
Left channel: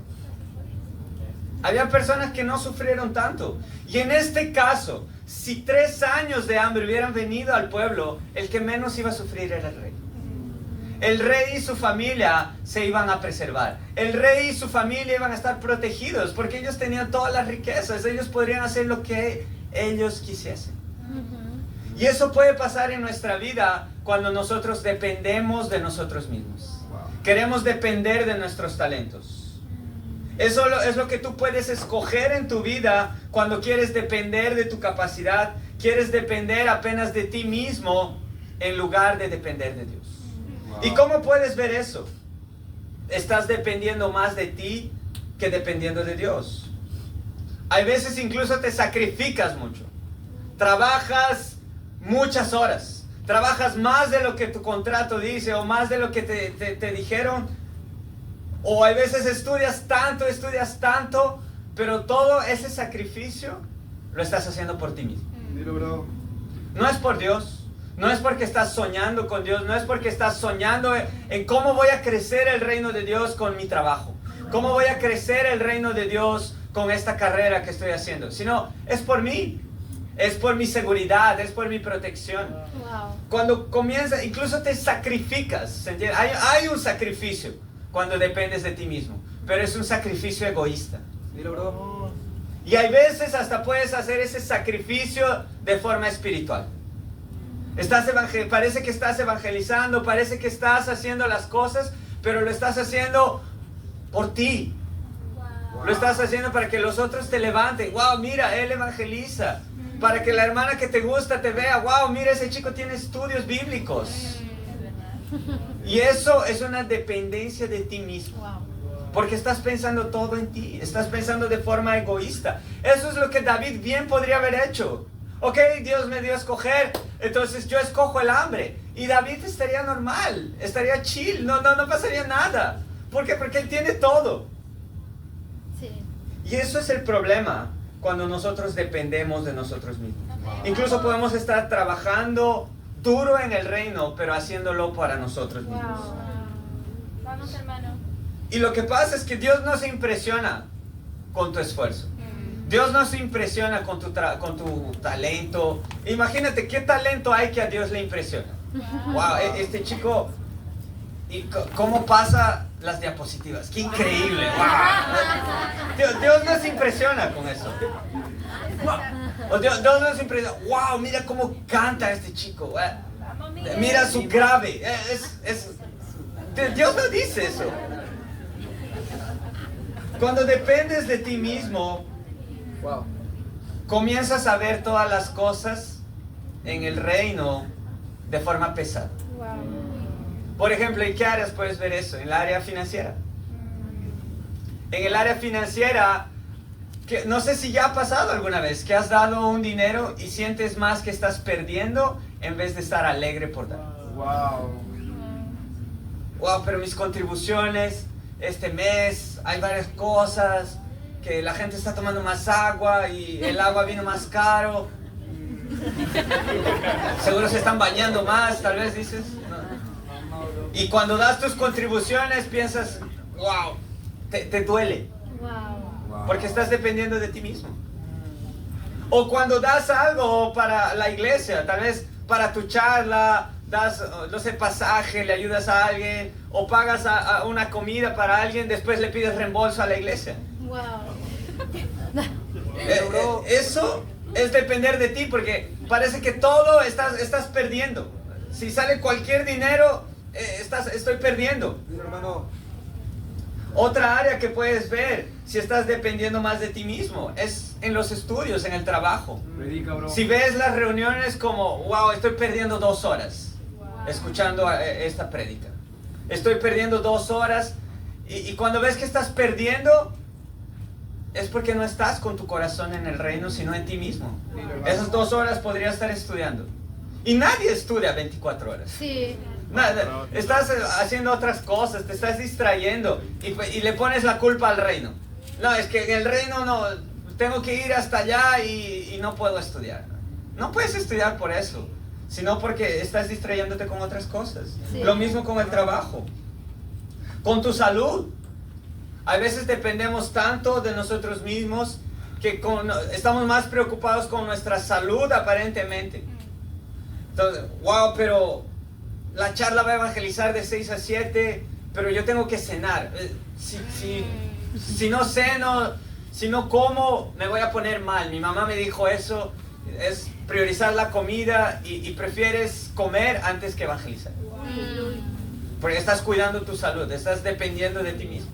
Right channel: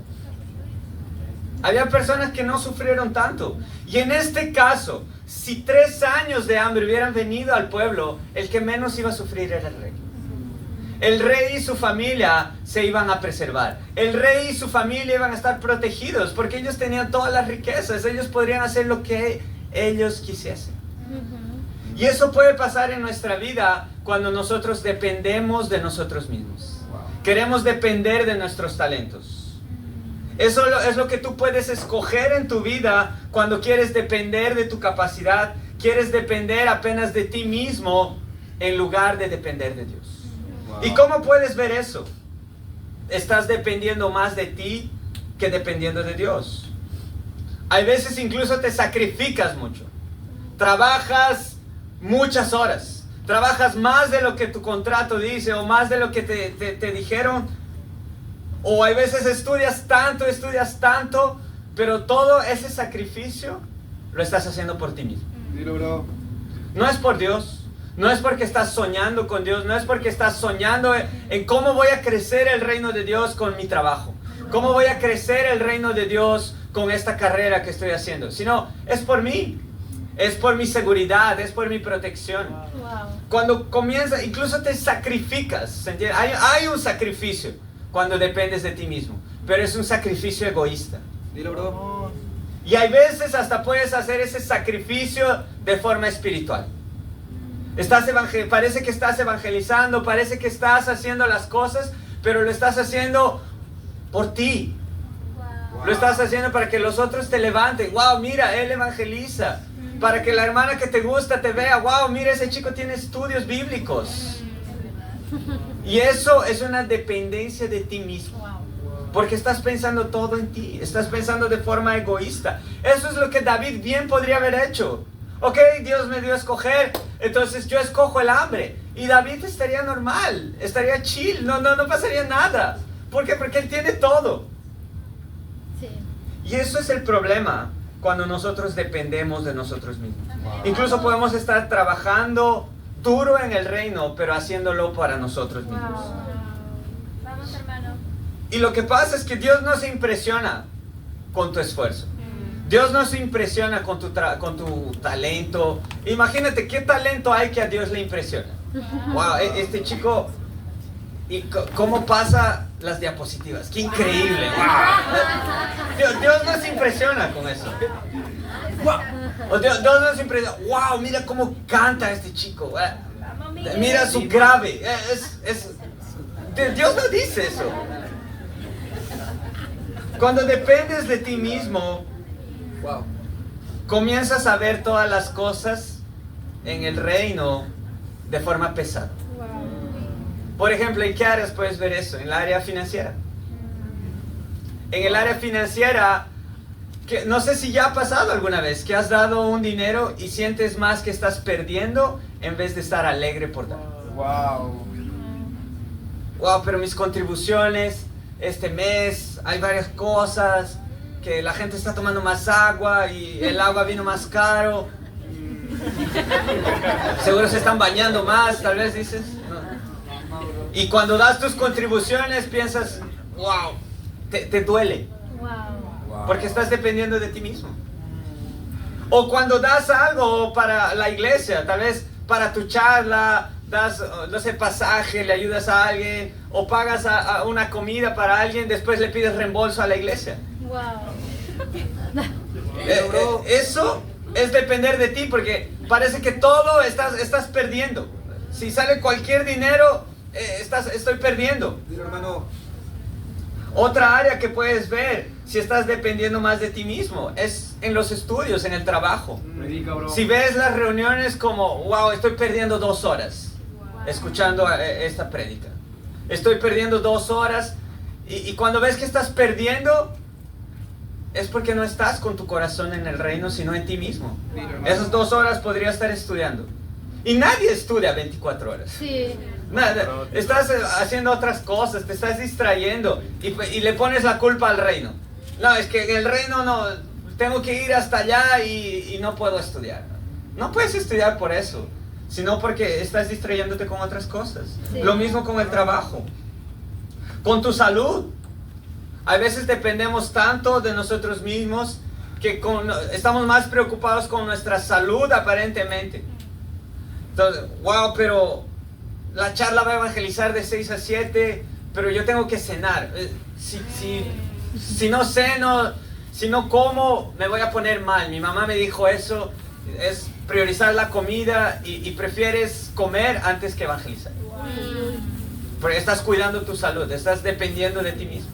Había personas que no sufrieron tanto. Y en este caso, si 3 años de hambre hubieran venido al pueblo, el que menos iba a sufrir era el rey. El rey y su familia se iban a preservar. El rey y su familia iban a estar protegidos porque ellos tenían todas las riquezas. Ellos podrían hacer lo que ellos quisiesen. Y eso puede pasar en nuestra vida cuando nosotros dependemos de nosotros mismos. Queremos depender de nuestros talentos. Eso es lo que tú puedes escoger en tu vida cuando quieres depender de tu capacidad. Quieres depender apenas de ti mismo en lugar de depender de Dios. ¿Y cómo puedes ver eso? Estás dependiendo más de ti que dependiendo de Dios. Hay veces incluso te sacrificas mucho. Trabajas muchas horas. Trabajas más de lo que tu contrato dice o más de lo que te dijeron. O hay veces estudias tanto, pero todo ese sacrificio lo estás haciendo por ti mismo. Dilo, bro. No es por Dios. No es porque estás soñando con Dios, no es porque estás soñando en cómo voy a crecer el reino de Dios con mi trabajo, cómo voy a crecer el reino de Dios con esta carrera que estoy haciendo, sino es por mí, es por mi seguridad, es por mi protección. Cuando comienza, incluso te sacrificas, ¿entiendes? Hay un sacrificio cuando dependes de ti mismo, pero es un sacrificio egoísta. Dilo, bro. Y hay veces hasta puedes hacer ese sacrificio de forma espiritual. Parece que estás evangelizando, parece que estás haciendo las cosas, pero lo estás haciendo por ti. Lo estás haciendo para que los otros te levanten. Wow, mira, él evangeliza. Para que la hermana que te gusta te vea. Wow, mira, ese chico tiene estudios bíblicos. Y eso es una dependencia de ti mismo. Porque estás pensando todo en ti. Estás pensando de forma egoísta. Eso es lo que David bien podría haber hecho. Ok, Dios me dio a escoger, entonces yo escojo el hambre. Y David estaría normal, estaría chill, no pasaría nada. ¿Por qué? Porque él tiene todo. Sí. Y eso es el problema cuando nosotros dependemos de nosotros mismos. Incluso podemos estar trabajando duro en el reino, pero haciéndolo para nosotros mismos. Vamos, hermano. Y lo que pasa es que Dios no se impresiona con tu esfuerzo. Dios no se impresiona con tu talento. Imagínate qué talento hay que a Dios le impresiona. Wow, este chico, y cómo pasa las diapositivas. Qué increíble. Wow. Dios no se impresiona con eso. O Dios no se impresiona. Wow, mira cómo canta este chico. Mira su grave. Dios no dice eso. Cuando dependes de ti mismo, wow, comienzas a ver todas las cosas en el reino de forma pesada. Por ejemplo, ¿en qué áreas puedes ver eso? En el área financiera. En el área financiera, que, no sé si ya ha pasado alguna vez que has dado un dinero y sientes más que estás perdiendo en vez de estar alegre por dar. Wow. Wow, pero mis contribuciones este mes, hay varias cosas, que la gente está tomando más agua y el agua vino más caro. Seguro se están bañando más, tal vez dices. No. Y cuando das tus contribuciones piensas, wow, te duele. Wow. Porque estás dependiendo de ti mismo. O cuando das algo para la iglesia, tal vez para tu charla, das, no sé, pasaje, le ayudas a alguien, o pagas a una comida para alguien, después le pides reembolso a la iglesia. Wow. Eso es depender de ti, porque parece que todo estás perdiendo. Si sale cualquier dinero, estoy perdiendo. Dile, hermano. Otra área que puedes ver si estás dependiendo más de ti mismo es en los estudios, en el trabajo. Predica, bro. Si ves las reuniones como, wow, estoy perdiendo 2 horas escuchando esta prédica. Estoy perdiendo 2 horas y cuando ves que estás perdiendo es porque no estás con tu corazón en el reino, sino en ti mismo. Esas 2 horas podrías estar estudiando. Y nadie estudia 24 horas. Sí. Nada, estás haciendo otras cosas, te estás distrayendo y le pones la culpa al reino. No, es que en el reino no, tengo que ir hasta allá y no puedo estudiar. No puedes estudiar por eso, sino porque estás distrayéndote con otras cosas. Sí. Lo mismo con el trabajo, con tu salud. A veces dependemos tanto de nosotros mismos que estamos más preocupados con nuestra salud aparentemente. Entonces, wow, pero la charla va a evangelizar de 6 a 7, pero yo tengo que cenar. Si no ceno, si no como, me voy a poner mal. Mi mamá me dijo eso, es priorizar la comida y prefieres comer antes que evangelizar. Porque estás cuidando tu salud, estás dependiendo de ti mismo.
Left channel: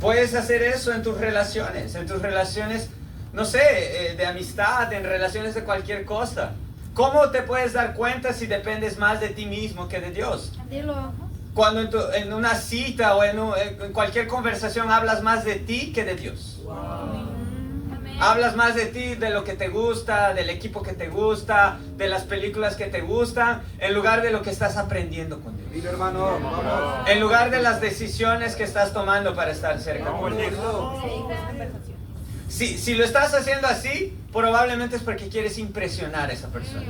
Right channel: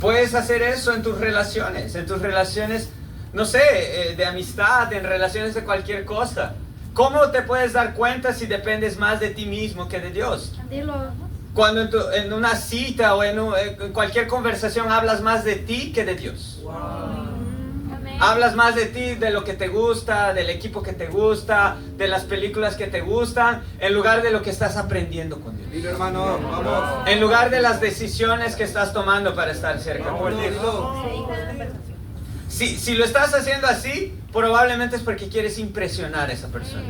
Puedes hacer eso en tus relaciones, no sé, de amistad, en relaciones de cualquier cosa. ¿Cómo te puedes dar cuenta si dependes más de ti mismo que de Dios? Dilo. Cuando en una cita o en cualquier conversación hablas más de ti que de Dios. Amén. Hablas más de ti, de lo que te gusta, del equipo que te gusta, de las películas que te gustan, en lugar de lo que estás aprendiendo con Dios. Dile, hermano, vamos. En lugar de las decisiones que estás tomando para estar cerca con Dios. Si lo estás haciendo así, probablemente es porque quieres impresionar a esa persona.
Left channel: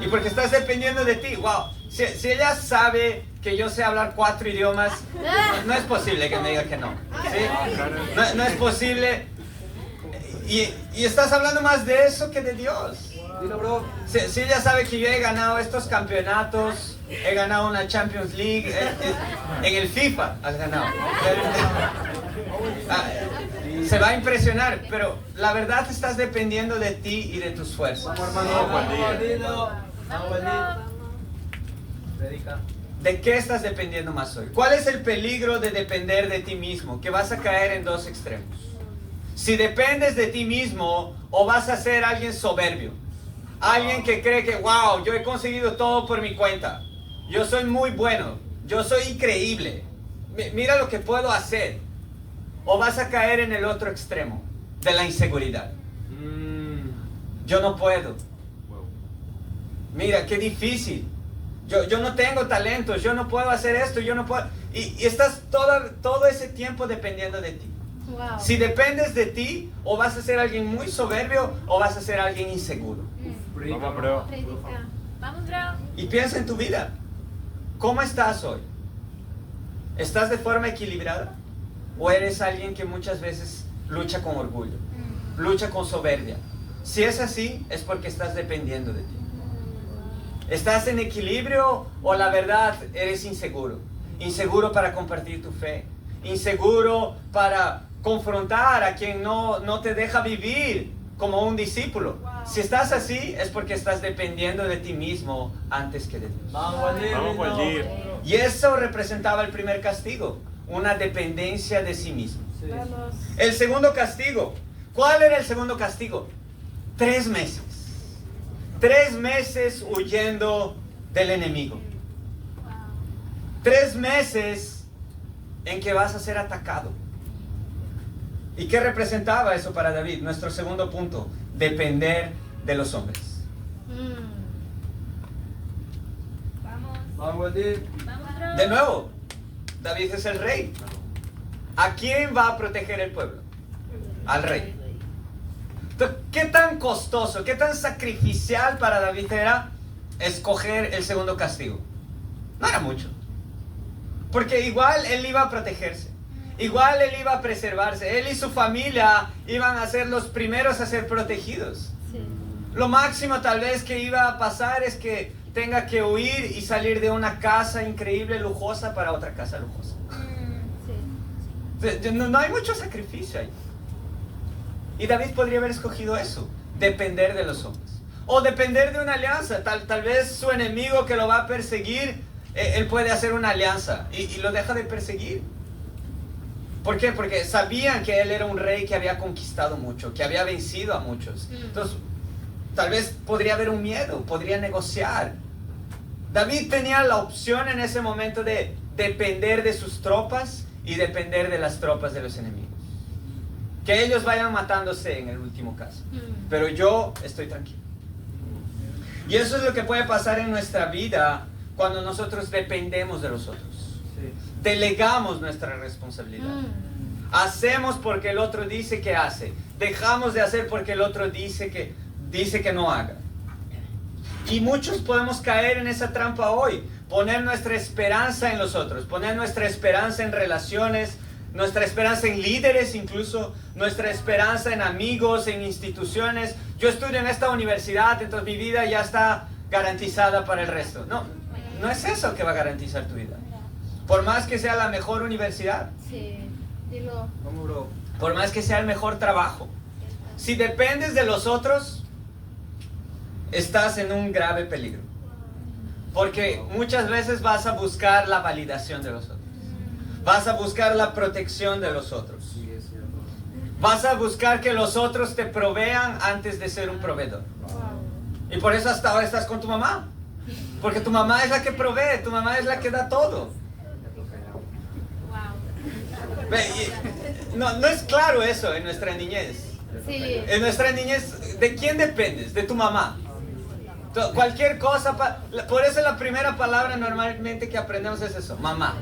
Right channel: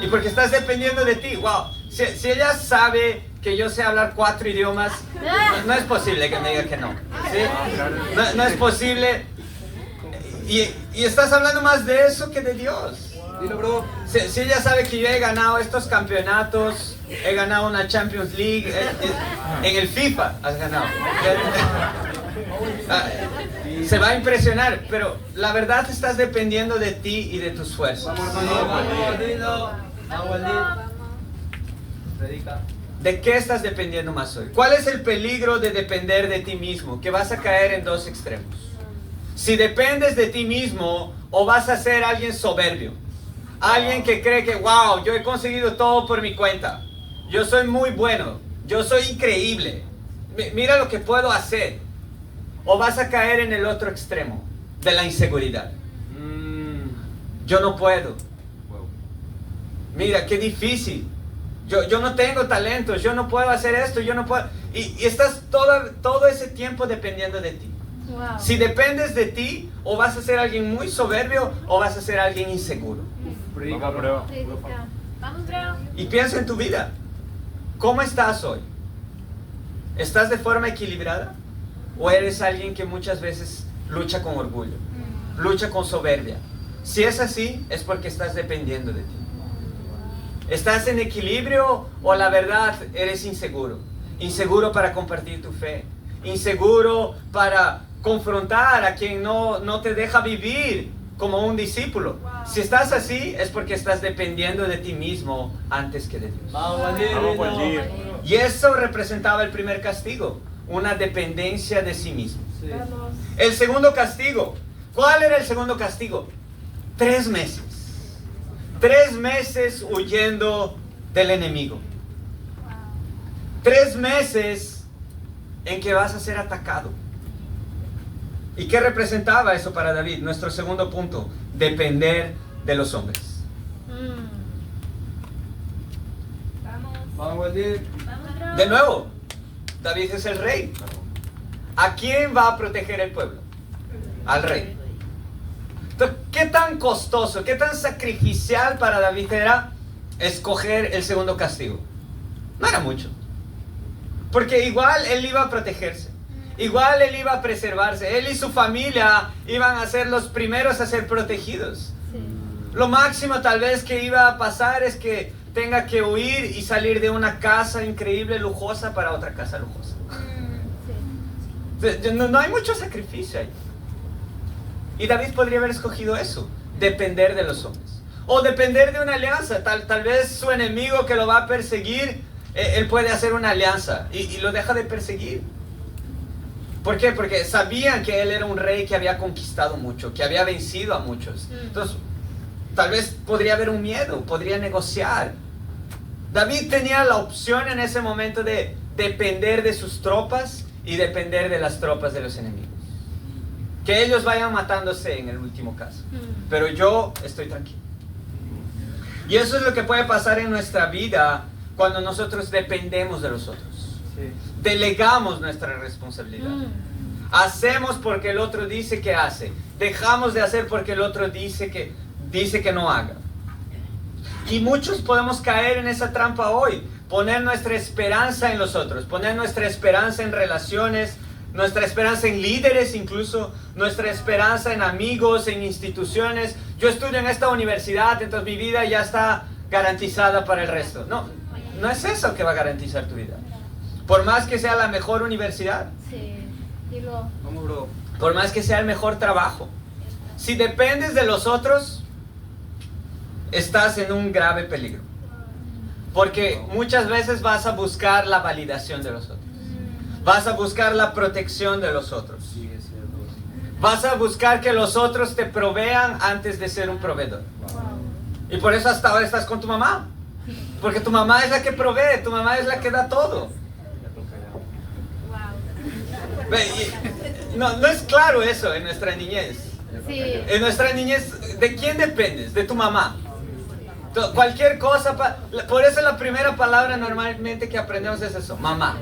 Y porque estás dependiendo de ti. Wow, si ella sabe que yo sé hablar 4 idiomas, no es posible que me diga que no. ¿Sí? No es posible. Y estás hablando más de eso que de Dios. Dile, bro. Si ella sabe que yo he ganado estos campeonatos, he ganado una Champions League, en el FIFA has ganado. Se va a impresionar, pero la verdad estás dependiendo de ti y de tus fuerzas. ¿De qué estás dependiendo más hoy? ¿Cuál es el peligro de depender de ti mismo? Que vas a caer en 2 extremos. Si dependes de ti mismo, o vas a ser alguien soberbio, alguien que cree que, wow, yo he conseguido todo por mi cuenta, yo soy muy bueno, yo soy increíble, mira lo que puedo hacer. O vas a caer en el otro extremo de la inseguridad. Yo no puedo. Mira, qué difícil. Yo no tengo talentos, yo no puedo hacer esto, yo no puedo. Y estás todo ese tiempo dependiendo de ti. Wow. Si dependes de ti, o vas a ser alguien muy soberbio, o vas a ser alguien inseguro. Predica, bro. Predica. Vamos, bro. Y piensa en tu vida. ¿Cómo estás hoy? ¿Estás de forma equilibrada? ¿O eres alguien que muchas veces lucha con orgullo, lucha con soberbia? Si es así, es porque estás dependiendo de ti. ¿Estás en equilibrio o la verdad eres inseguro? Inseguro para compartir tu fe, inseguro para confrontar a quien no te deja vivir como un discípulo. Si estás así, es porque estás dependiendo de ti mismo antes que de Dios. Y eso representaba el primer castigo, una dependencia de sí mismo. Vamos. El segundo castigo, ¿cuál era el segundo castigo? 3 meses. 3 meses huyendo del enemigo. 3 meses en que vas a ser atacado. ¿Y qué representaba eso para David? Nuestro segundo punto, depender de los hombres. Vamos. Vamos, Edith. Vamos, Draw. De nuevo, David es el rey. ¿A quién va a proteger el pueblo? Al rey. Entonces, ¿qué tan costoso, qué tan sacrificial para David era escoger el segundo castigo? No era mucho. Porque igual él iba a protegerse. Igual él iba a preservarse. Él y su familia iban a ser los primeros a ser protegidos. Sí. Lo máximo tal vez que iba a pasar es que tenga que huir y salir de una casa increíble, lujosa, para otra casa lujosa. Sí. No hay mucho sacrificio ahí. Y David podría haber escogido eso, depender de los hombres. O depender de una alianza. Tal vez su enemigo que lo va a perseguir, él puede hacer una alianza y lo deja de perseguir. ¿Por qué? Porque sabían que él era un rey que había conquistado mucho, que había vencido a muchos. Entonces, tal vez podría haber un miedo, podría negociar. David tenía la opción en ese momento de depender de sus tropas y depender de las tropas de los enemigos. Que ellos vayan matándose en el último caso. Pero yo estoy tranquilo. Y eso es lo que puede pasar en nuestra vida cuando nosotros dependemos de los otros. Sí. Delegamos nuestra responsabilidad. Hacemos porque el otro dice que hace. Dejamos de hacer porque el otro dice que no haga. Y muchos podemos caer en esa trampa hoy. Poner nuestra esperanza en los otros. Poner nuestra esperanza en relaciones. Nuestra esperanza en líderes incluso. Nuestra esperanza en amigos, en instituciones. Yo estudio en esta universidad, entonces mi vida ya está garantizada para el resto. No es eso que va a garantizar tu vida. Por más que sea la mejor universidad. Sí. Dilo. Vamos, bro. Por más que sea el mejor trabajo. Si dependes de los otros, estás en un grave peligro. Porque muchas veces vas a buscar la validación de los otros. Vas a buscar la protección de los otros. Sí, es cierto. Vas a buscar que los otros te provean antes de ser un proveedor. Y por eso hasta ahora estás con tu mamá. Porque tu mamá es la que provee, tu mamá es la que da todo. Wow. Ve, no es claro eso en nuestra niñez. Sí. En nuestra niñez, ¿de quién dependes? De tu mamá. Cualquier cosa, por eso la primera palabra normalmente que aprendemos es eso, mamá.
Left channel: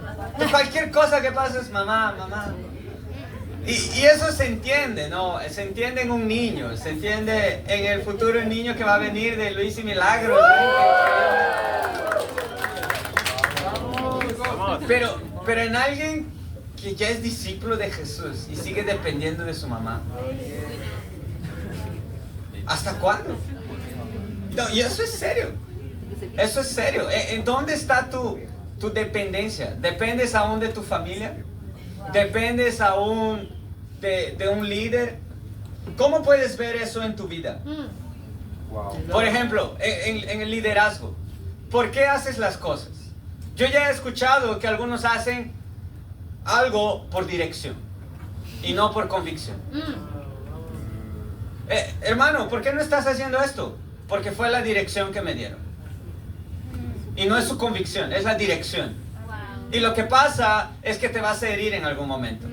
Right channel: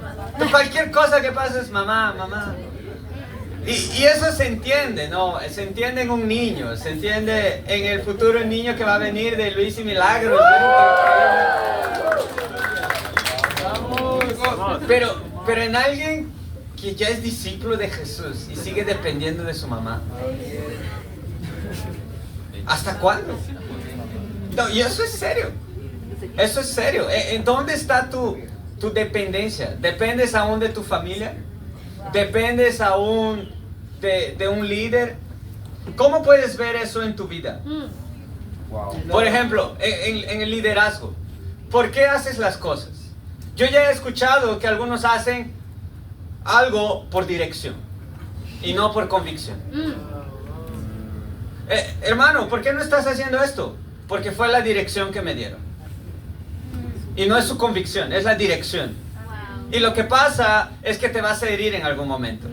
Cualquier cosa que pase es mamá, mamá. Y eso se entiende, ¿no? Se entiende en un niño, se entiende en el futuro niño que va a venir de Luis y Milagros, ¿no? Pero en alguien que ya es discípulo de Jesús y sigue dependiendo de su mamá. ¿Hasta cuándo? No, y eso es serio. Eso es serio. ¿En dónde está tu dependencia? ¿Dependes aún de tu familia? ¿Dependes aún de un líder? ¿Cómo puedes ver eso en tu vida? Wow. Por ejemplo, en el liderazgo. ¿Por qué haces las cosas? Yo ya he escuchado que algunos hacen algo por dirección y no por convicción. Hermano, ¿por qué no estás haciendo esto? Porque fue la dirección que me dieron. Y no es su convicción, es la dirección. Y lo que pasa es que te vas a herir en algún momento.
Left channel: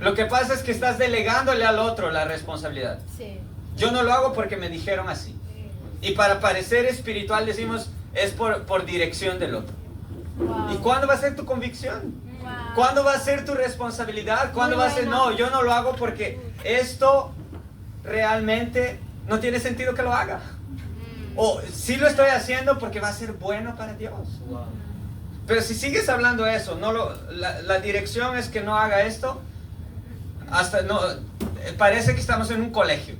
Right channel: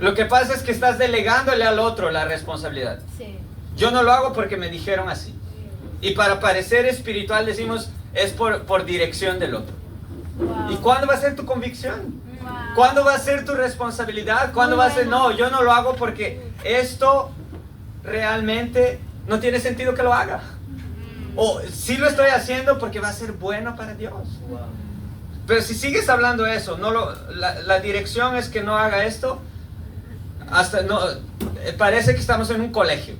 Lo que pasa es que estás delegándole al otro la responsabilidad. Sí. Yo no lo hago porque me dijeron así. Y para parecer espiritual decimos, es por dirección del otro. Wow. ¿Y cuándo va a ser tu convicción? Wow. ¿Cuándo va a ser tu responsabilidad? ¿Cuándo va a ser, no, yo no lo hago porque esto realmente no tiene sentido que lo haga? O sí lo estoy haciendo porque va a ser bueno para Dios. Pero si sigues hablando eso, la dirección es que no haga esto, parece que estamos en un colegio.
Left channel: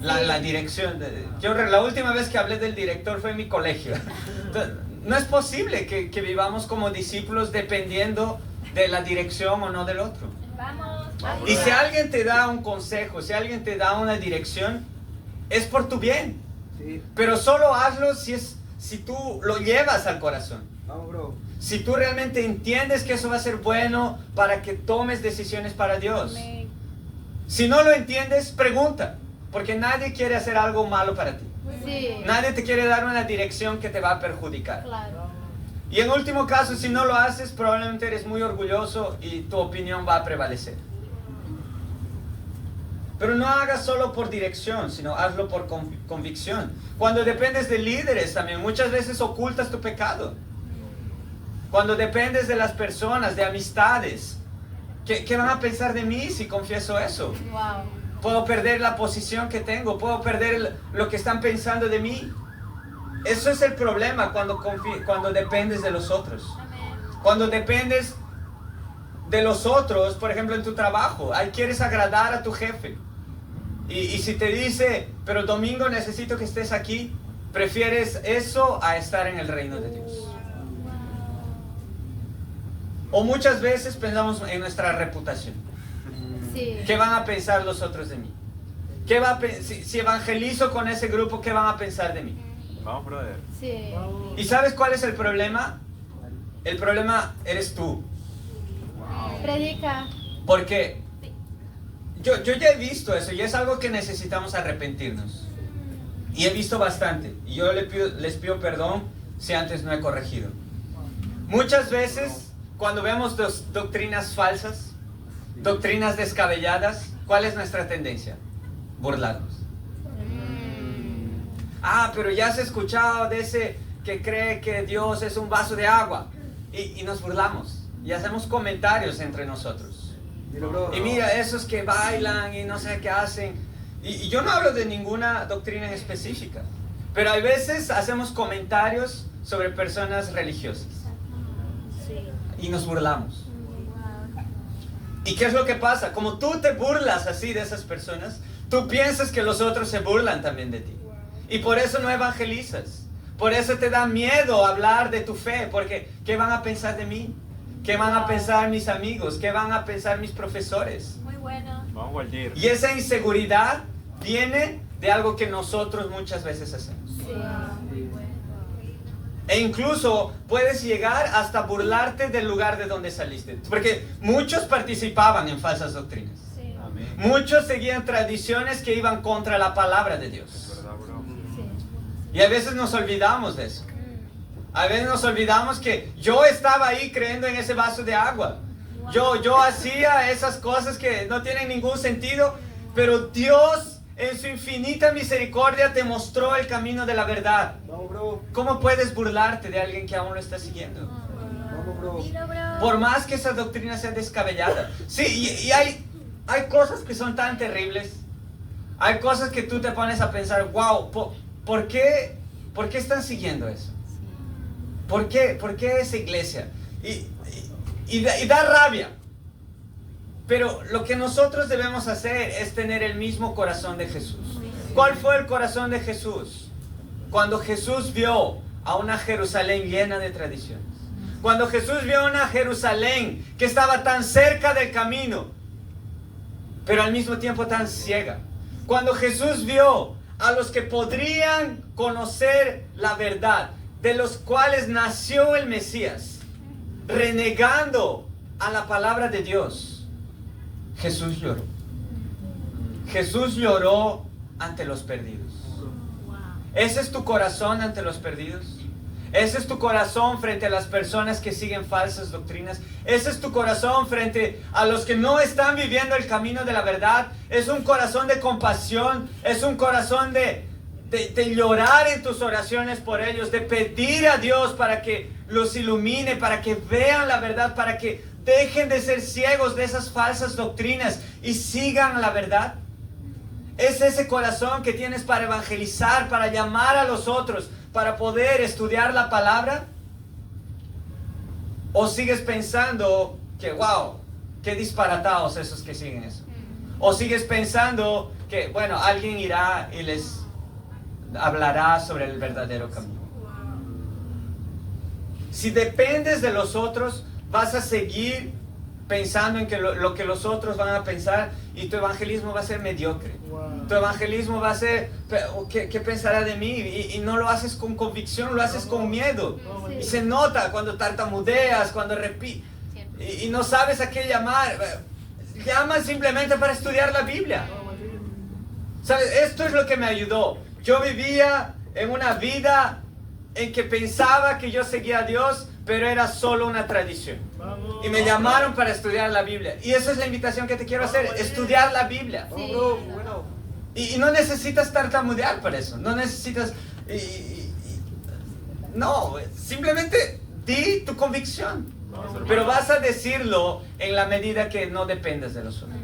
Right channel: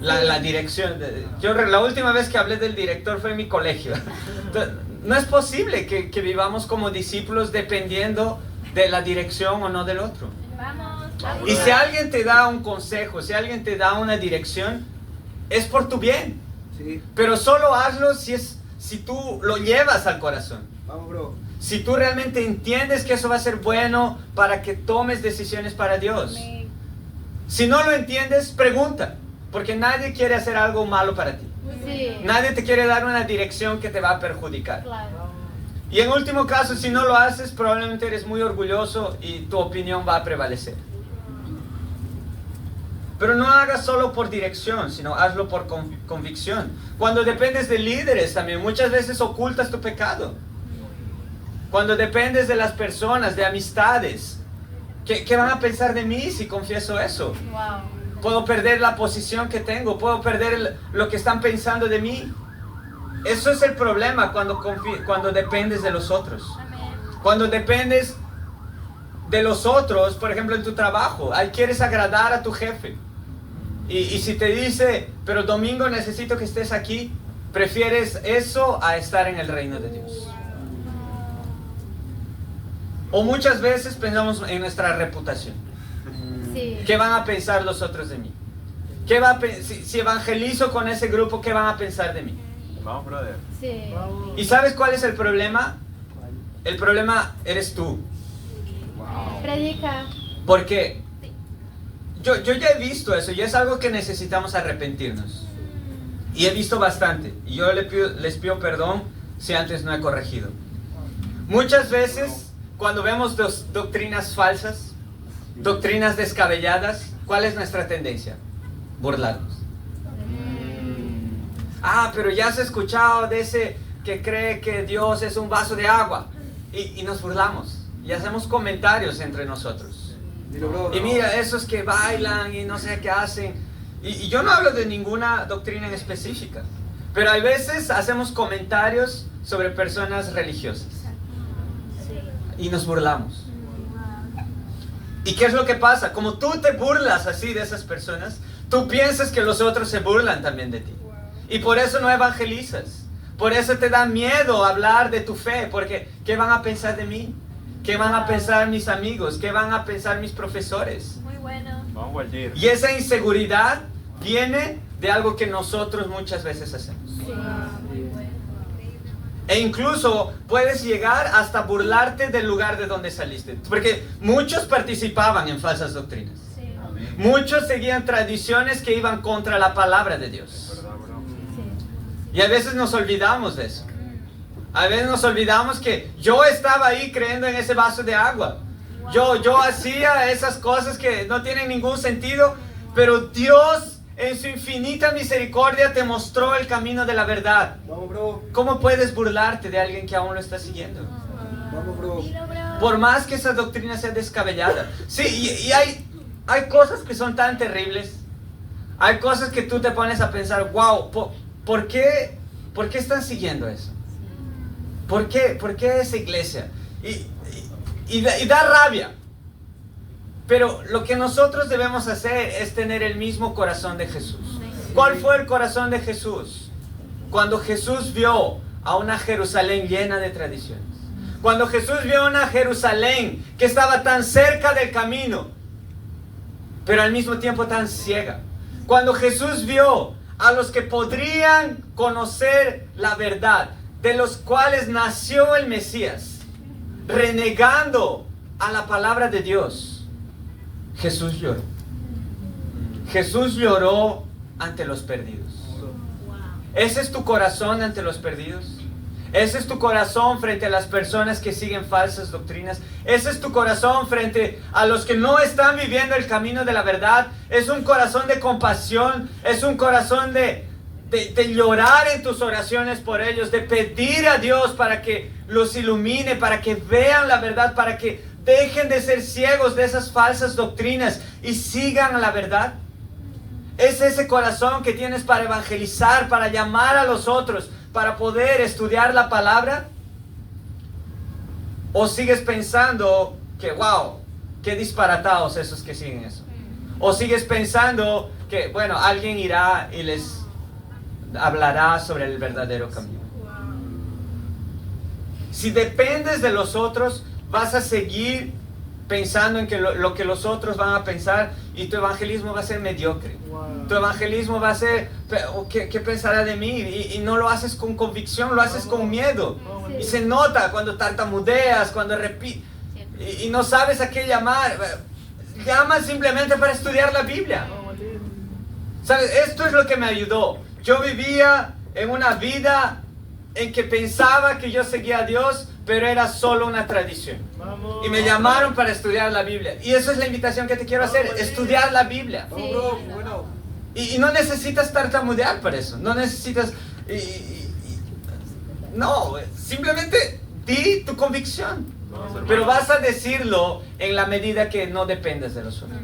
La dirección. La última vez que hablé del director fue en mi colegio. Entonces, no es posible que vivamos como discípulos dependiendo de la dirección o no del otro. Vamos. Y si alguien te da un consejo, si alguien te da una dirección, es por tu bien. Sí. Pero solo hazlo si tú lo llevas al corazón. Vamos, bro. Si tú realmente entiendes que eso va a ser bueno para que tomes decisiones para Dios. Amén. Si no lo entiendes, pregunta. Porque nadie quiere hacer algo malo para ti. Sí. Nadie te quiere dar una dirección que te va a perjudicar. Claro. Y en último caso, si no lo haces, probablemente eres muy orgulloso y tu opinión va a prevalecer. Pero no hagas solo por dirección, sino hazlo por convicción. Cuando dependes de líderes también, muchas veces ocultas tu pecado. Cuando dependes de las personas, de amistades, ¿qué van a pensar de mí si confieso eso? Wow. Puedo perder la posición que tengo, puedo perder lo que están pensando de mí. Eso es el problema cuando dependes de los otros. Cuando dependes de los otros, por ejemplo en tu trabajo, ahí quieres agradar a tu jefe. Y si te dice, pero domingo necesito que estés aquí, prefieres eso a estar en el reino de Dios. O muchas veces pensamos en nuestra reputación. Sí. ¿Qué van a pensar los otros de mí? Si evangelizo con ese grupo, ¿qué van a pensar de mí? Vamos, brother. Sí. ¿Y sabes cuál es el problema? El problema eres tú. Predica. Porque yo ya he visto eso y es algo que necesitamos arrepentirnos. Y he visto bastante. Y yo les pido perdón si antes no he corregido. Muchas veces, cuando vemos doctrinas falsas, doctrinas descabelladas, ¿cuál es nuestra tendencia? Burlarnos. Pero ya has escuchado de ese que cree que Dios es un vaso de agua. Y nos burlamos. Y hacemos comentarios entre nosotros. Dilo, bro. Y mira, esos que bailan y no sé qué hacen. Y yo no hablo de ninguna doctrina en específica. Pero hay veces hacemos comentarios sobre personas religiosas. Y nos burlamos. ¿Y qué es lo que pasa? Como tú te burlas así de esas personas, tú piensas que los otros se burlan también de ti. Y por eso no evangelizas. Por eso te da miedo hablar de tu fe. Porque ¿qué van a pensar de mí? ¿Qué van a pensar mis amigos? ¿Qué van a pensar mis profesores? Muy bueno. Vamos, Waldir. Y esa inseguridad viene de algo que nosotros muchas veces hacemos. Sí. E incluso puedes llegar hasta burlarte del lugar de donde saliste. Porque muchos participaban en falsas doctrinas. Sí. Amén. Muchos seguían tradiciones que iban contra la palabra de Dios. ¿Verdad, bro? Sí. Y a veces nos olvidamos de eso. A veces nos olvidamos que yo estaba ahí creyendo en ese vaso de agua. Yo hacía esas cosas que no tienen ningún sentido, pero Dios en su infinita misericordia te mostró el camino de la verdad. Vamos, bro. ¿Cómo puedes burlarte de alguien que aún lo está siguiendo? Vamos, bro. Dilo, bro. Por más que esa doctrina sea descabellada. Sí, y hay cosas que son tan terribles. Hay cosas que tú te pones a pensar, wow, ¿por qué están siguiendo eso? ¿Por qué esa iglesia? Y da rabia. Pero lo que nosotros debemos hacer es tener el mismo corazón de Jesús. ¿Cuál fue el corazón de Jesús? Cuando Jesús vio a una Jerusalén llena de tradiciones. Cuando Jesús vio a una Jerusalén que estaba tan cerca del camino, pero al mismo tiempo tan ciega. Cuando Jesús vio a los que podrían conocer la verdad, de los cuales nació el Mesías, renegando a la palabra de Dios, Jesús lloró. Jesús lloró ante los perdidos. ¿Ese es tu corazón ante los perdidos? ¿Ese es tu corazón frente a las personas que siguen falsas doctrinas? ¿Ese es tu corazón frente a los que no están viviendo el camino de la verdad? ¿Es un corazón de compasión? ¿Es un corazón de llorar en tus oraciones por ellos? De pedir a Dios para que los ilumine, para que vean la verdad, para que dejen de ser ciegos de esas falsas doctrinas y sigan a la verdad. ¿Es ese corazón que tienes para evangelizar, para llamar a los otros, para poder estudiar la palabra? ¿O sigues pensando que, wow, qué disparatados esos que siguen eso? ¿O sigues pensando que, bueno, alguien irá y les hablará sobre el verdadero camino? Si dependes de los otros, vas a seguir pensando en que lo que los otros van a pensar, y tu evangelismo va a ser mediocre. Tu evangelismo va a ser, ¿qué pensará de mí? Y no lo haces con convicción, lo haces con miedo. Y se nota cuando tartamudeas, cuando repites, y no sabes a qué llamar. Llamas simplemente para estudiar la Biblia. ¿Sabes? Esto es lo que me ayudó. Yo vivía en una vida en que pensaba que yo seguía a Dios, pero era solo una tradición. Y me llamaron para estudiar la Biblia. Y esa es la invitación que te quiero hacer, estudiar la Biblia. Vamos, bro. Bueno. Y no necesitas tartamudear para eso, no necesitas... no, simplemente di tu convicción. Pero vas a decirlo en la medida que no dependes de los otros.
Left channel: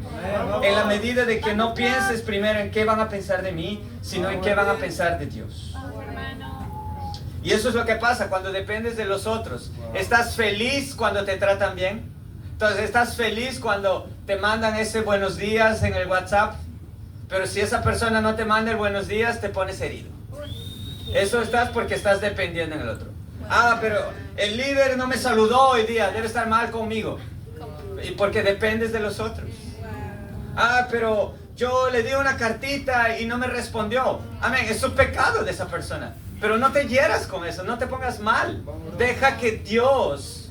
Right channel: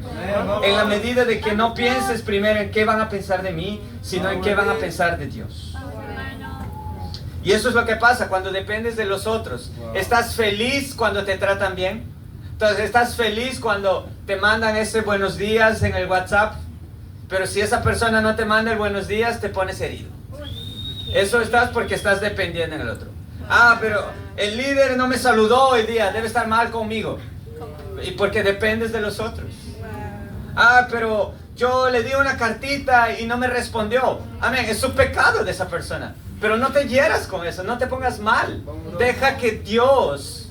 En la medida de que no pienses primero en qué van a pensar de mí, sino en qué van a pensar de Dios. Y eso es lo que pasa cuando dependes de los otros. ¿Estás feliz cuando te tratan bien? Entonces, ¿estás feliz cuando te mandan ese buenos días en el WhatsApp? Pero si esa persona no te manda el buenos días, te pones herido. Eso estás porque estás dependiendo en el otro. Ah, pero el líder no me saludó hoy día, debe estar mal conmigo. Y porque dependes de los otros. Ah, pero yo le di una cartita y no me respondió. Amén, es un pecado de esa persona. Pero no te hieras con eso, no te pongas mal. Deja que Dios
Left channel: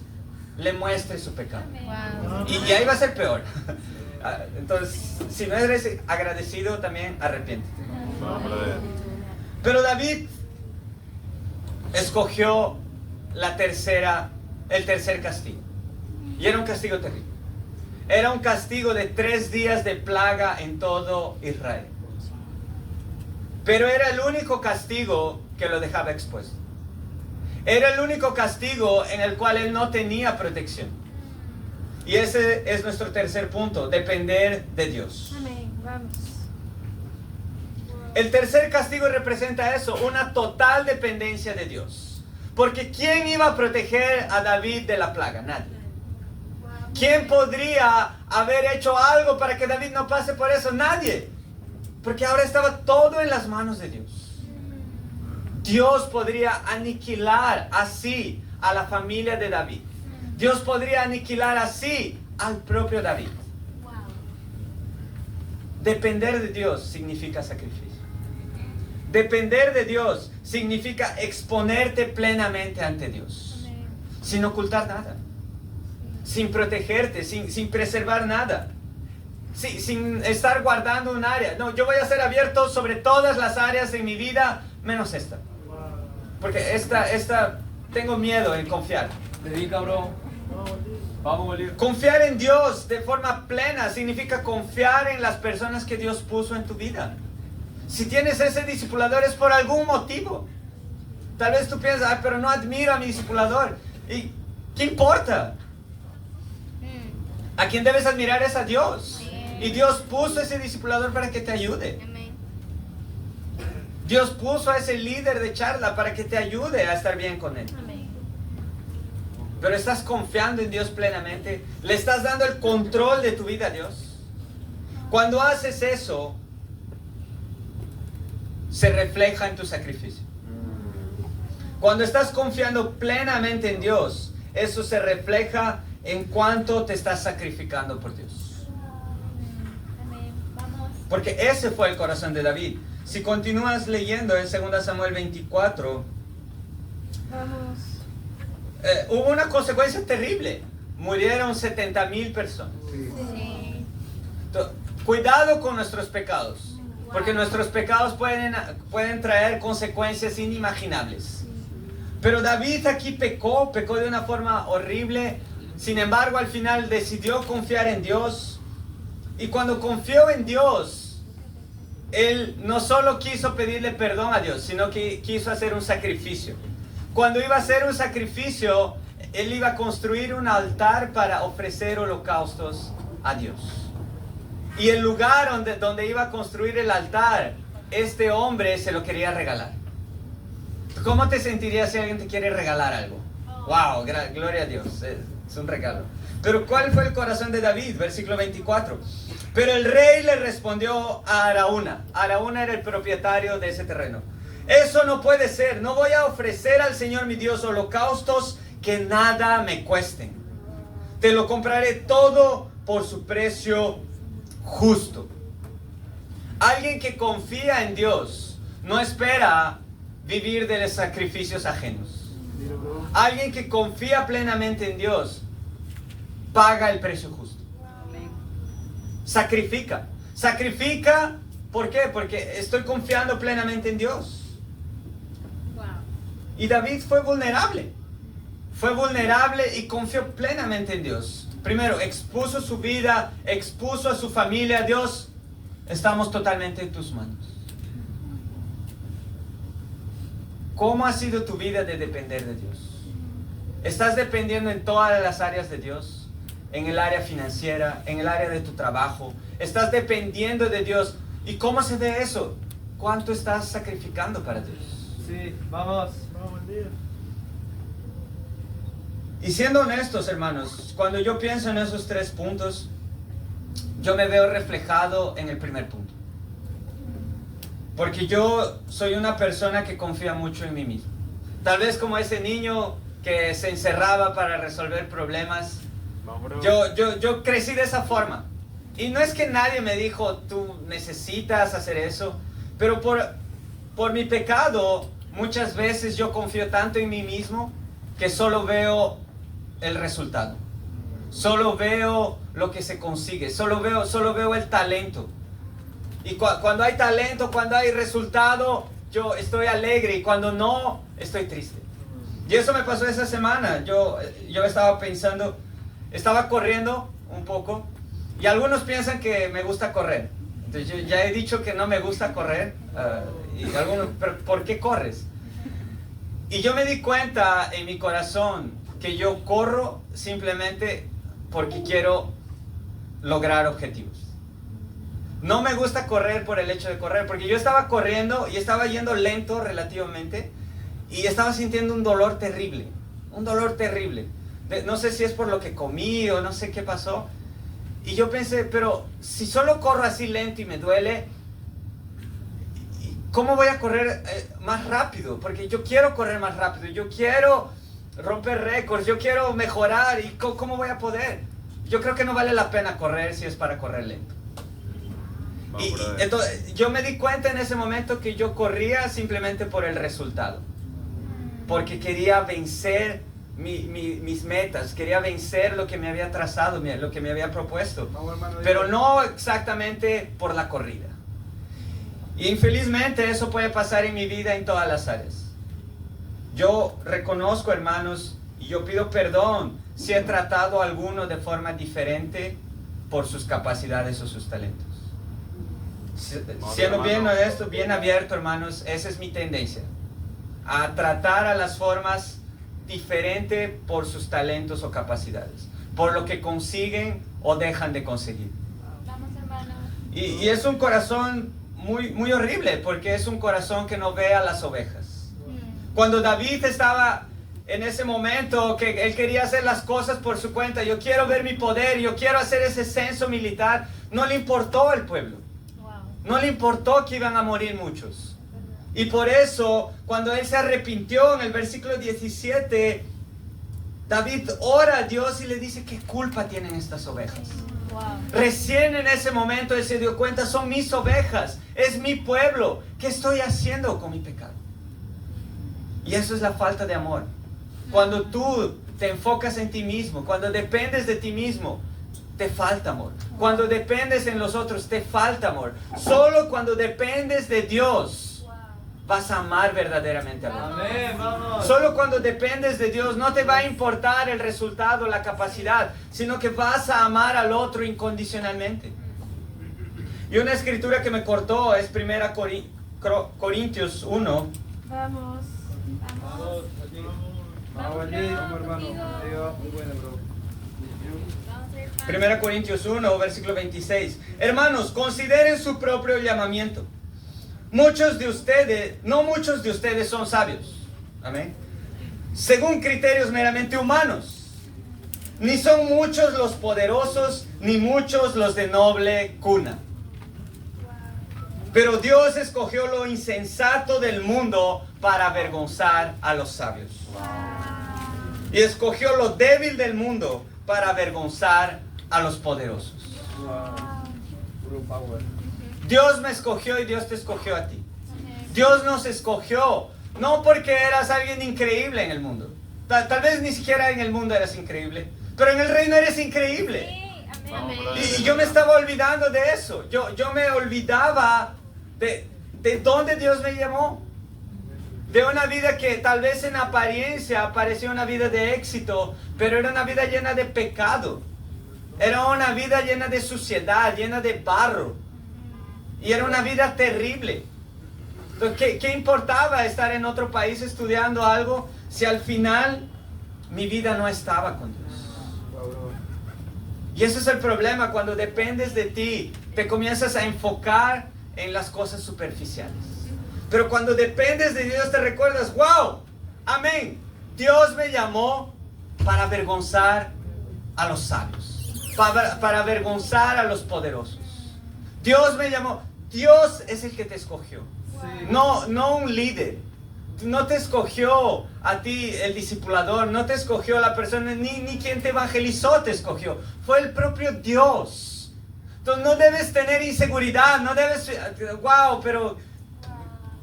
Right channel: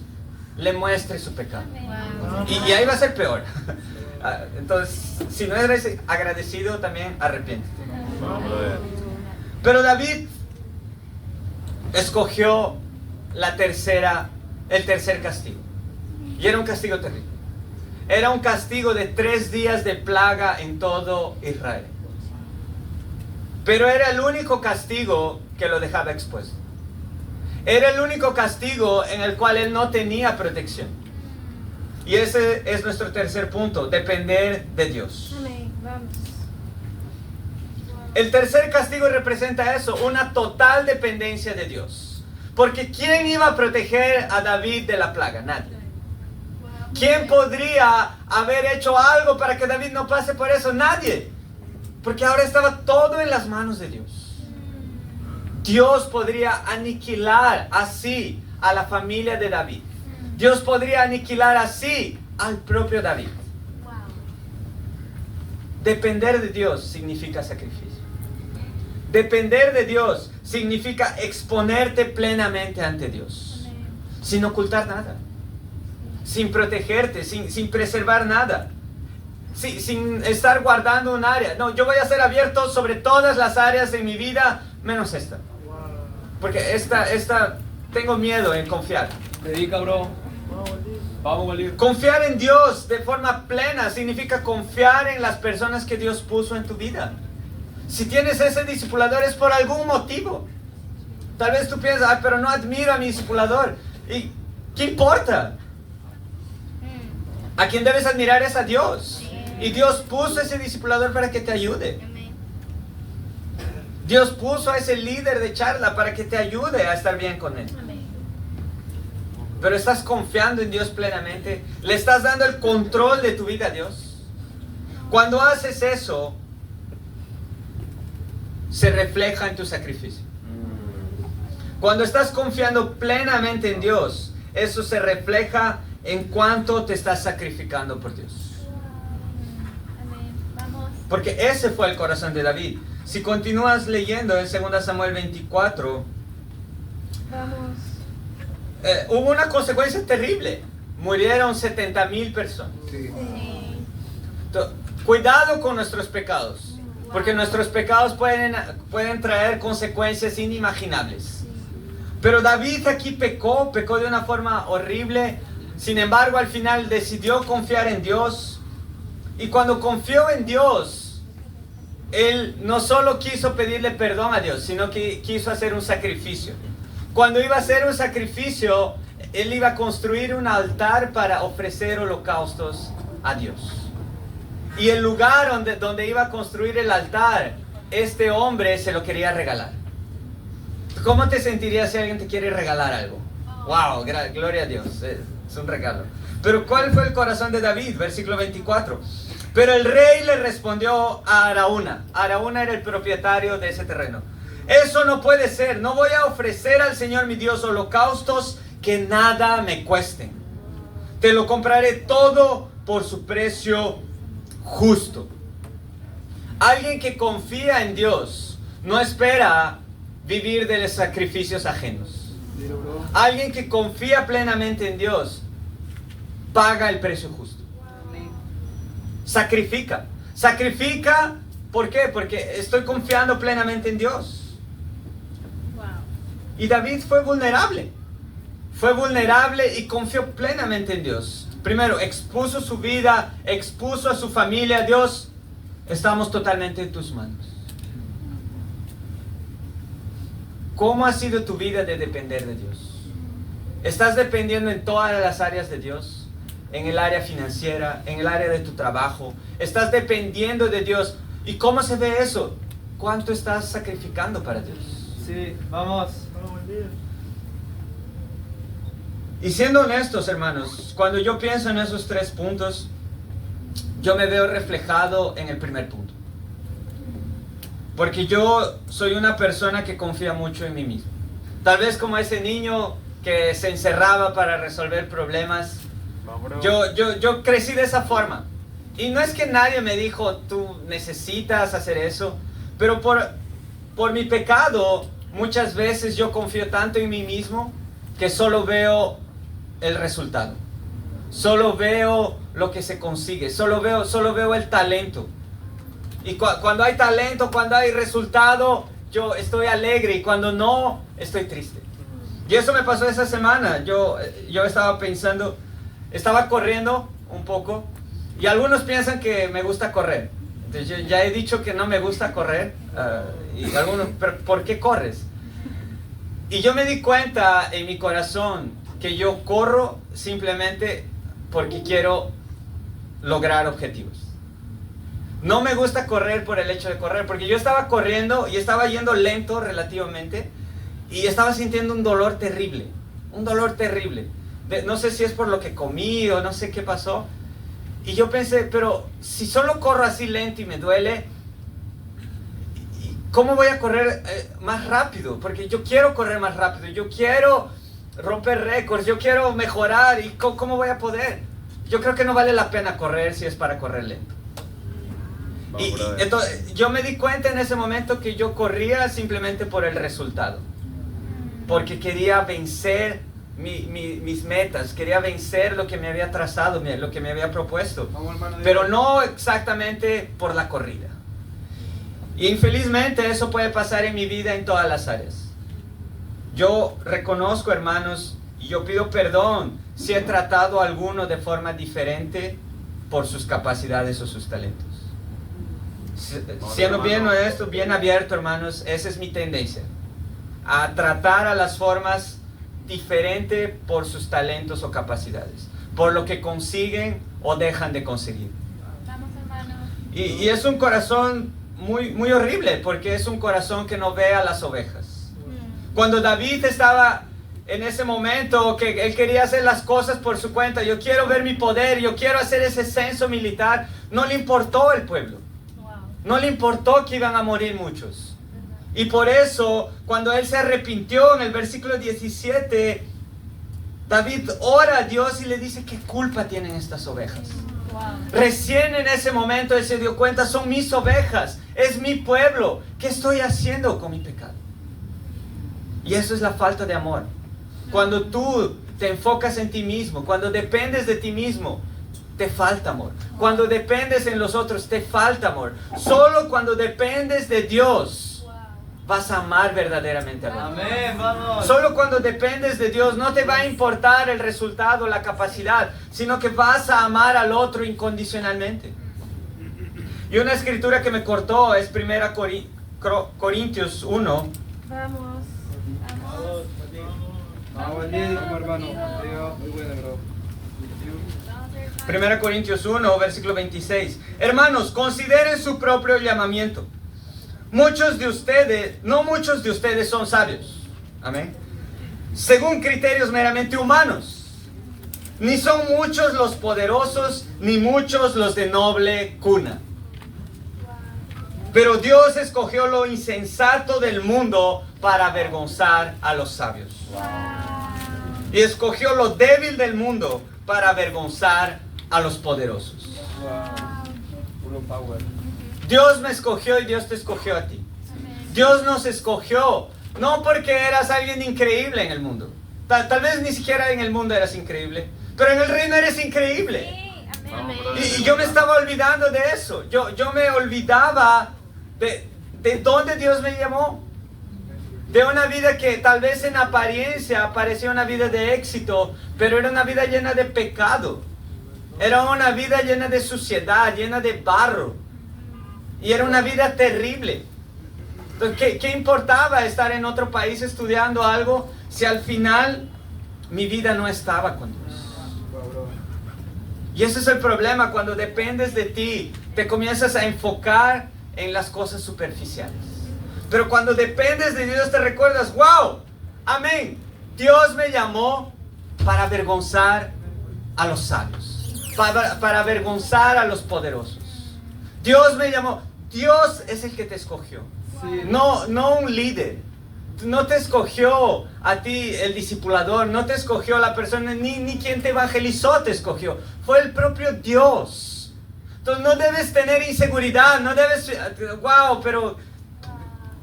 le muestre su pecado. Y ahí va a ser peor. Entonces, si no eres agradecido, también arrepiéntete. Pero David escogió el tercer castigo. Y era un castigo terrible. Era un castigo de 3 días de plaga en todo Israel. Pero era el único castigo que lo dejaba expuesto. Era el único castigo en el cual él no tenía protección. Y ese es nuestro tercer punto, depender de Dios. Amén. Vamos. El tercer castigo representa eso, una total dependencia de Dios. Porque ¿quién iba a proteger a David de la plaga? Nadie. ¿Quién podría haber hecho algo para que David no pase por eso? Nadie. Porque ahora estaba todo en las manos de Dios. Dios podría aniquilar así a la familia de David. Dios podría aniquilar así al propio David. Depender de Dios significa sacrificio. Depender de Dios significa exponerte plenamente ante Dios. Sin ocultar nada. Sin protegerte, sin preservar nada. Sin estar guardando un área. No, yo voy a ser abierto sobre todas las áreas de mi vida, menos esta. Porque esta tengo miedo en confiar. Predica, bro. Vamos, Bolívar. Confiar en Dios de forma plena significa confiar en las personas que Dios puso en tu vida. Si tienes ese discipulador es por algún motivo. Tal vez tú piensas, ay, pero no admiro a mi discipulador. ¿Y qué importa? A quien debes admirar es a Dios. Y Dios puso ese discipulador para que te ayude. Dios puso a ese líder de charla para que te ayude a estar bien con él. Pero estás confiando en Dios plenamente. Le estás dando el control de tu vida a Dios. Cuando haces eso, se refleja en tu sacrificio. Cuando estás confiando plenamente en Dios, eso se refleja en cuánto te estás sacrificando por Dios. Porque ese fue el corazón de David. Si continúas leyendo en 2 Samuel 24, hubo una consecuencia terrible. Murieron 70,000 personas. Sí. Entonces, cuidado con nuestros pecados. Porque nuestros pecados pueden traer consecuencias inimaginables. Pero David aquí pecó de una forma horrible. Sin embargo, al final decidió confiar en Dios. Y cuando confió en Dios, él no solo quiso pedirle perdón a Dios, sino que quiso hacer un sacrificio. Cuando iba a hacer un sacrificio, él iba a construir un altar para ofrecer holocaustos a Dios. Y el lugar donde iba a construir el altar, este hombre se lo quería regalar. ¿Cómo te sentirías si alguien te quiere regalar algo? Wow, gloria a Dios, es un regalo. Pero ¿cuál fue el corazón de David? Versículo 24. Pero el rey le respondió a Araúna. Araúna era el propietario de ese terreno. Eso no puede ser. No voy a ofrecer al Señor mi Dios holocaustos que nada me cuesten. Te lo compraré todo por su precio justo. Alguien que confía en Dios no espera vivir de los sacrificios ajenos. Alguien que confía plenamente en Dios paga el precio justo. Sacrifica. Sacrifica, ¿por qué? Porque estoy confiando plenamente en Dios. Y David fue vulnerable. fue vulnerable y confió plenamente en Dios. Primero, expuso su vida, expuso a su familia. Dios, estamos totalmente en tus manos. ¿Cómo ha sido tu vida de depender de Dios? ¿Estás dependiendo en todas las áreas de Dios? En el área financiera, en el área de tu trabajo. ¿Estás dependiendo de Dios? ¿Y cómo se ve eso? ¿Cuánto estás sacrificando para Dios? Sí, vamos. Y siendo honestos, hermanos, cuando yo pienso en esos 3 puntos, yo me veo reflejado en el primer punto. Porque yo soy una persona que confía mucho en mí mismo. Tal vez como ese niño que se encerraba para resolver problemas. Yo crecí de esa forma. Y no es que nadie me dijo, tú necesitas hacer eso. Pero por mi pecado, muchas veces yo confío tanto en mí mismo que solo veo el resultado. Solo veo lo que se consigue. Solo veo el talento. Y cuando hay talento, cuando hay resultado, yo estoy alegre. Y cuando no, estoy triste. Y eso me pasó esa semana. Yo estaba pensando, estaba corriendo un poco. Y algunos piensan que me gusta correr. Entonces yo ya he dicho que no me gusta correr. Y algunos, ¿pero por qué corres? Y yo me di cuenta en mi corazón que yo corro simplemente porque quiero lograr objetivos. No me gusta correr por el hecho de correr, porque yo estaba corriendo y estaba yendo lento relativamente y estaba sintiendo un dolor terrible, no sé si es por lo que comí o no sé qué pasó. Y yo pensé, pero si solo corro así lento y me duele, ¿cómo voy a correr más rápido? Porque yo quiero correr más rápido, yo quiero romper récords, yo quiero mejorar. ¿Y cómo voy a poder? Yo creo que no vale la pena correr si es para correr lento. Y entonces yo me di cuenta en ese momento que yo corría simplemente por el resultado. Porque quería vencer mis metas, quería vencer lo que me había trazado, lo que me había propuesto. Pero no exactamente por la corrida. Y infelizmente eso puede pasar en mi vida en todas las áreas. Yo reconozco, hermanos, y yo pido perdón si he tratado a alguno de forma diferente por sus capacidades o sus talentos. Siendo bien honesto, bien abierto, hermanos, esa es mi tendencia. A tratar a las formas diferente por sus talentos o capacidades. Por lo que consiguen o dejan de conseguir. Vamos, hermano. Y es un corazón muy horrible, porque es un corazón que no ve a las ovejas. Cuando David estaba en ese momento que él quería hacer las cosas por su cuenta, yo quiero ver mi poder, yo quiero hacer ese censo militar, no le importó el pueblo. No le importó que iban a morir muchos. Y por eso, cuando él se arrepintió en el versículo 17, David ora a Dios y le dice, ¿qué culpa tienen estas ovejas? Recién en ese momento él se dio cuenta, son mis ovejas, es mi pueblo. ¿Qué estoy haciendo con mi pecado? Y eso es la falta de amor. Cuando tú te enfocas en ti mismo, cuando dependes de ti mismo, te falta amor. Cuando dependes en los otros, te falta amor. Solo cuando dependes de Dios, vas a amar verdaderamente al otro. Amén, vamos. Solo cuando dependes de Dios, no te va a importar el resultado, la capacidad, sino que vas a amar al otro incondicionalmente. Y una escritura que me cortó es 1 Corintios 1. Vamos. Hermano. Muy bueno, bro. 1 Corintios 1, versículo 26. Hermanos, consideren su propio llamamiento. No muchos de ustedes son sabios. Amén. Según criterios meramente humanos. Ni son muchos los poderosos, ni muchos los de noble cuna. Pero Dios escogió lo insensato del mundo para avergonzar a los sabios. Y escogió lo débil del mundo para avergonzar a los poderosos. Puro power. Dios me escogió y Dios te escogió a ti. Dios nos escogió, no porque eras alguien increíble en el mundo. Tal vez ni siquiera en el mundo eras increíble, pero en el reino eres increíble. Y yo me estaba olvidando de eso. Yo me olvidaba de dónde Dios me llamó, de una vida que tal vez en apariencia parecía una vida de éxito, pero era una vida llena de pecado. Era una vida llena de suciedad, llena de barro. Y era una vida terrible. Entonces, ¿qué importaba estar en otro país estudiando algo si al final mi vida no estaba con Dios? Y ese es el problema, cuando dependes de ti, te comienzas a enfocar en las cosas superficiales. Pero cuando dependes de Dios te recuerdas, wow, amén, Dios me llamó para avergonzar a los sabios, para avergonzar a los poderosos. Dios me llamó, Dios es el que te escogió, no un líder. No te escogió a ti el discipulador, no te escogió la persona, ni quien te evangelizó te escogió. Fue el propio Dios. Entonces no debes tener inseguridad, no debes, wow, pero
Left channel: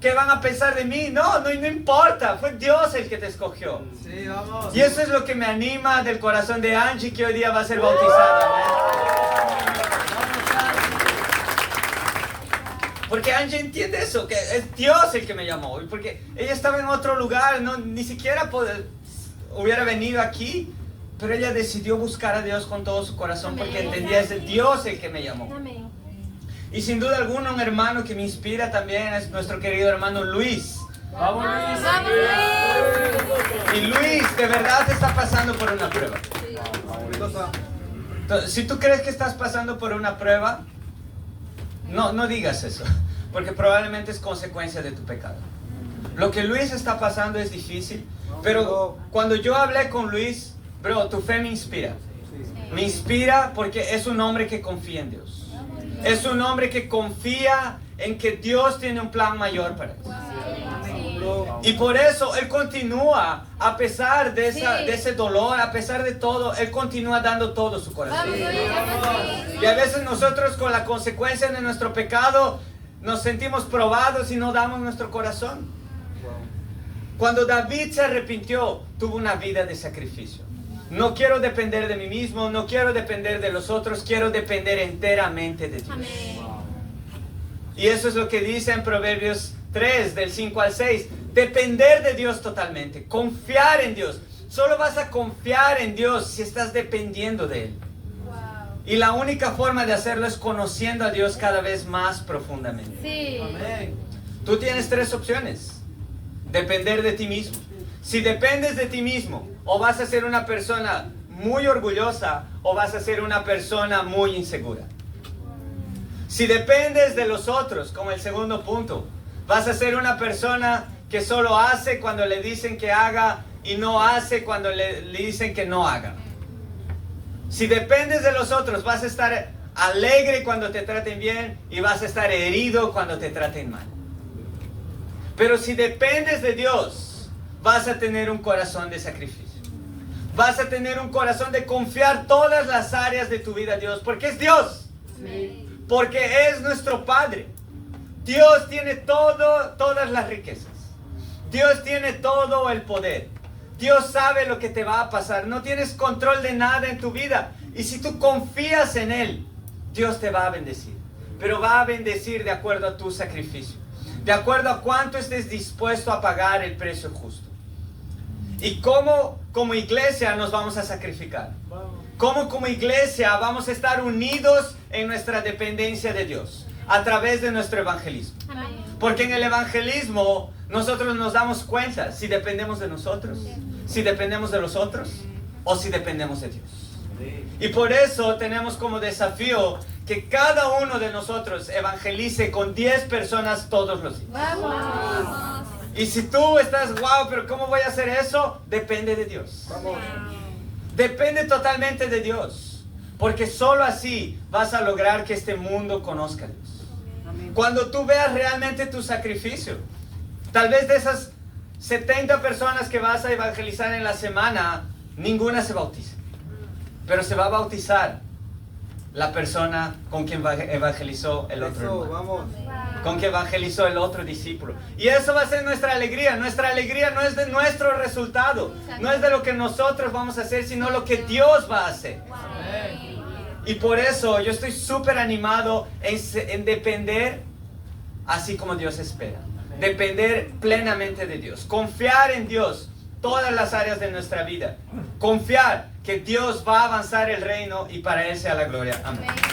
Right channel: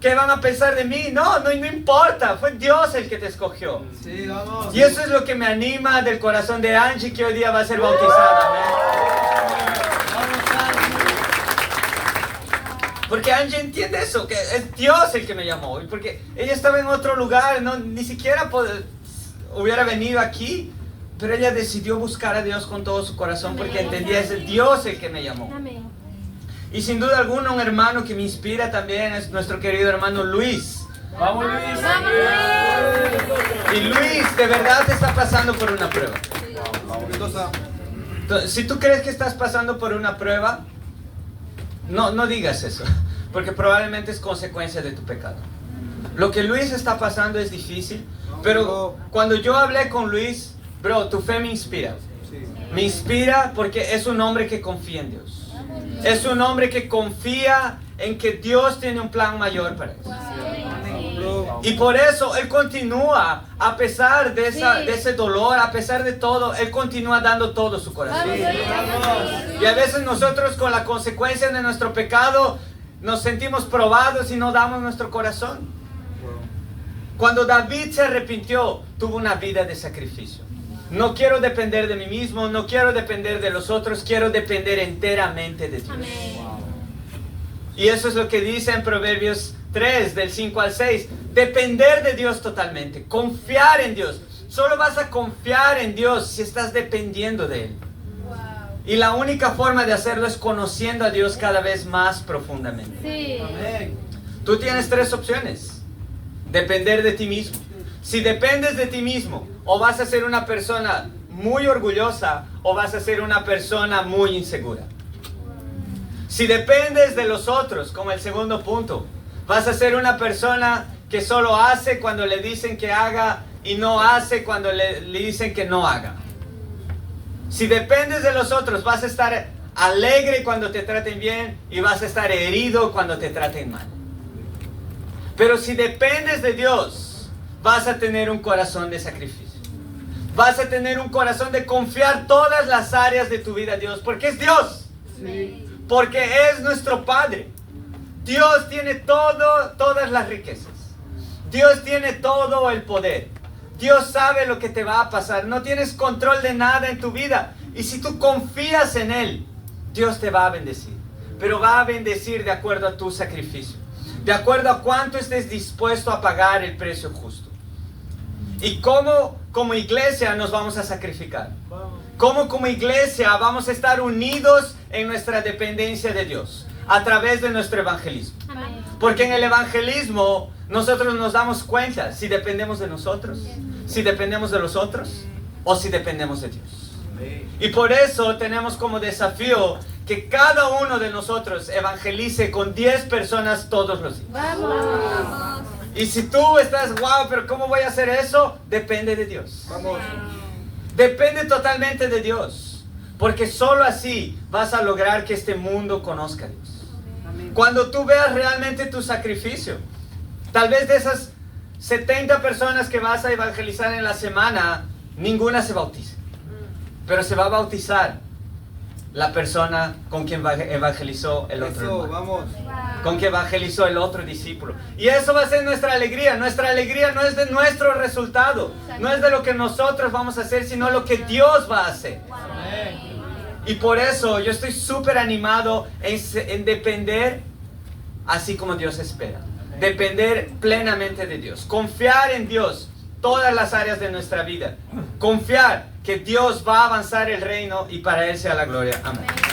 ¿qué van a pensar de mí? No importa, fue Dios el que te escogió. Sí, vamos. Y eso es lo que me anima del corazón de Angie, que hoy día va a ser bautizada. Porque Angie entiende eso, que es Dios el que me llamó. Y porque ella estaba en otro lugar, ni siquiera hubiera venido aquí. Pero ella decidió buscar a Dios con todo su corazón porque entendía, es Dios el que me llamó. Amén. Y sin duda alguna un hermano que me inspira también es nuestro querido hermano Luis. Vamos, Luis. Y Luis de verdad está pasando por una prueba. Entonces, Entonces, si tú crees que estás pasando por una prueba, no digas eso, porque probablemente es consecuencia de tu pecado. Lo que Luis está pasando es difícil, pero cuando yo hablé con Luis, bro, tu fe me inspira. Me inspira porque es un hombre que confía en Dios. Es un hombre que confía en que Dios tiene un plan mayor para él. Y por eso él continúa, a pesar de ese dolor, a pesar de todo, él continúa dando todo su corazón. Y a veces nosotros con la consecuencia de nuestro pecado nos sentimos probados y no damos nuestro corazón. Cuando David se arrepintió, tuvo una vida de sacrificio. No quiero depender de mí mismo, no quiero depender de los otros, quiero depender enteramente de Dios. Y eso es lo que dice en Proverbios 3, del 5 al 6. Depender de Dios totalmente, confiar en Dios. Solo vas a confiar en Dios si estás dependiendo de Él. Y la única forma de hacerlo es conociendo a Dios cada vez más profundamente. Sí. Tú tienes tres opciones. Depender de ti mismo. Si dependes de ti mismo, o vas a ser una persona muy orgullosa, o vas a ser una persona muy insegura. Si dependes de los otros, como el segundo punto, vas a ser una persona que solo hace cuando le dicen que haga y no hace cuando le dicen que no haga. Si dependes de los otros, vas a estar alegre cuando te traten bien y vas a estar herido cuando te traten mal. Pero si dependes de Dios, vas a tener un corazón de sacrificio. Vas a tener un corazón de confiar todas las áreas de tu vida a Dios, porque es Dios. Porque es nuestro Padre. Dios tiene todas las riquezas. Dios tiene todo el poder. Dios sabe lo que te va a pasar. No tienes control de nada en tu vida. Y si tú confías en Él, Dios te va a bendecir. Pero va a bendecir de acuerdo a tu sacrificio. De acuerdo a cuánto estés dispuesto a pagar el precio justo. Y cómo como iglesia nos vamos a sacrificar. Cómo como iglesia vamos a estar unidos en nuestra dependencia de Dios. A través de nuestro evangelismo. Porque en el evangelismo nosotros nos damos cuenta si dependemos de nosotros, si dependemos de los otros o si dependemos de Dios. Y por eso tenemos como desafío que cada uno de nosotros evangelice con 10 personas todos los días. Y si tú estás, wow, pero ¿cómo voy a hacer eso? Depende de Dios. Depende totalmente de Dios. Porque solo así vas a lograr que este mundo conozca a Dios. Cuando tú veas realmente tu sacrificio, tal vez de esas 70 personas que vas a evangelizar en la semana, ninguna se bautice. Pero se va a bautizar la persona con quien evangelizó el otro hermano. Con quien evangelizó el otro discípulo. Y eso va a ser nuestra alegría. Nuestra alegría no es de nuestro resultado. No es de lo que nosotros vamos a hacer, sino lo que Dios va a hacer. Y por eso yo estoy súper animado en depender así como Dios espera. Depender plenamente de Dios. Confiar en Dios todas las áreas de nuestra vida. Confiar que Dios va a avanzar el reino y para Él sea la gloria. Amén.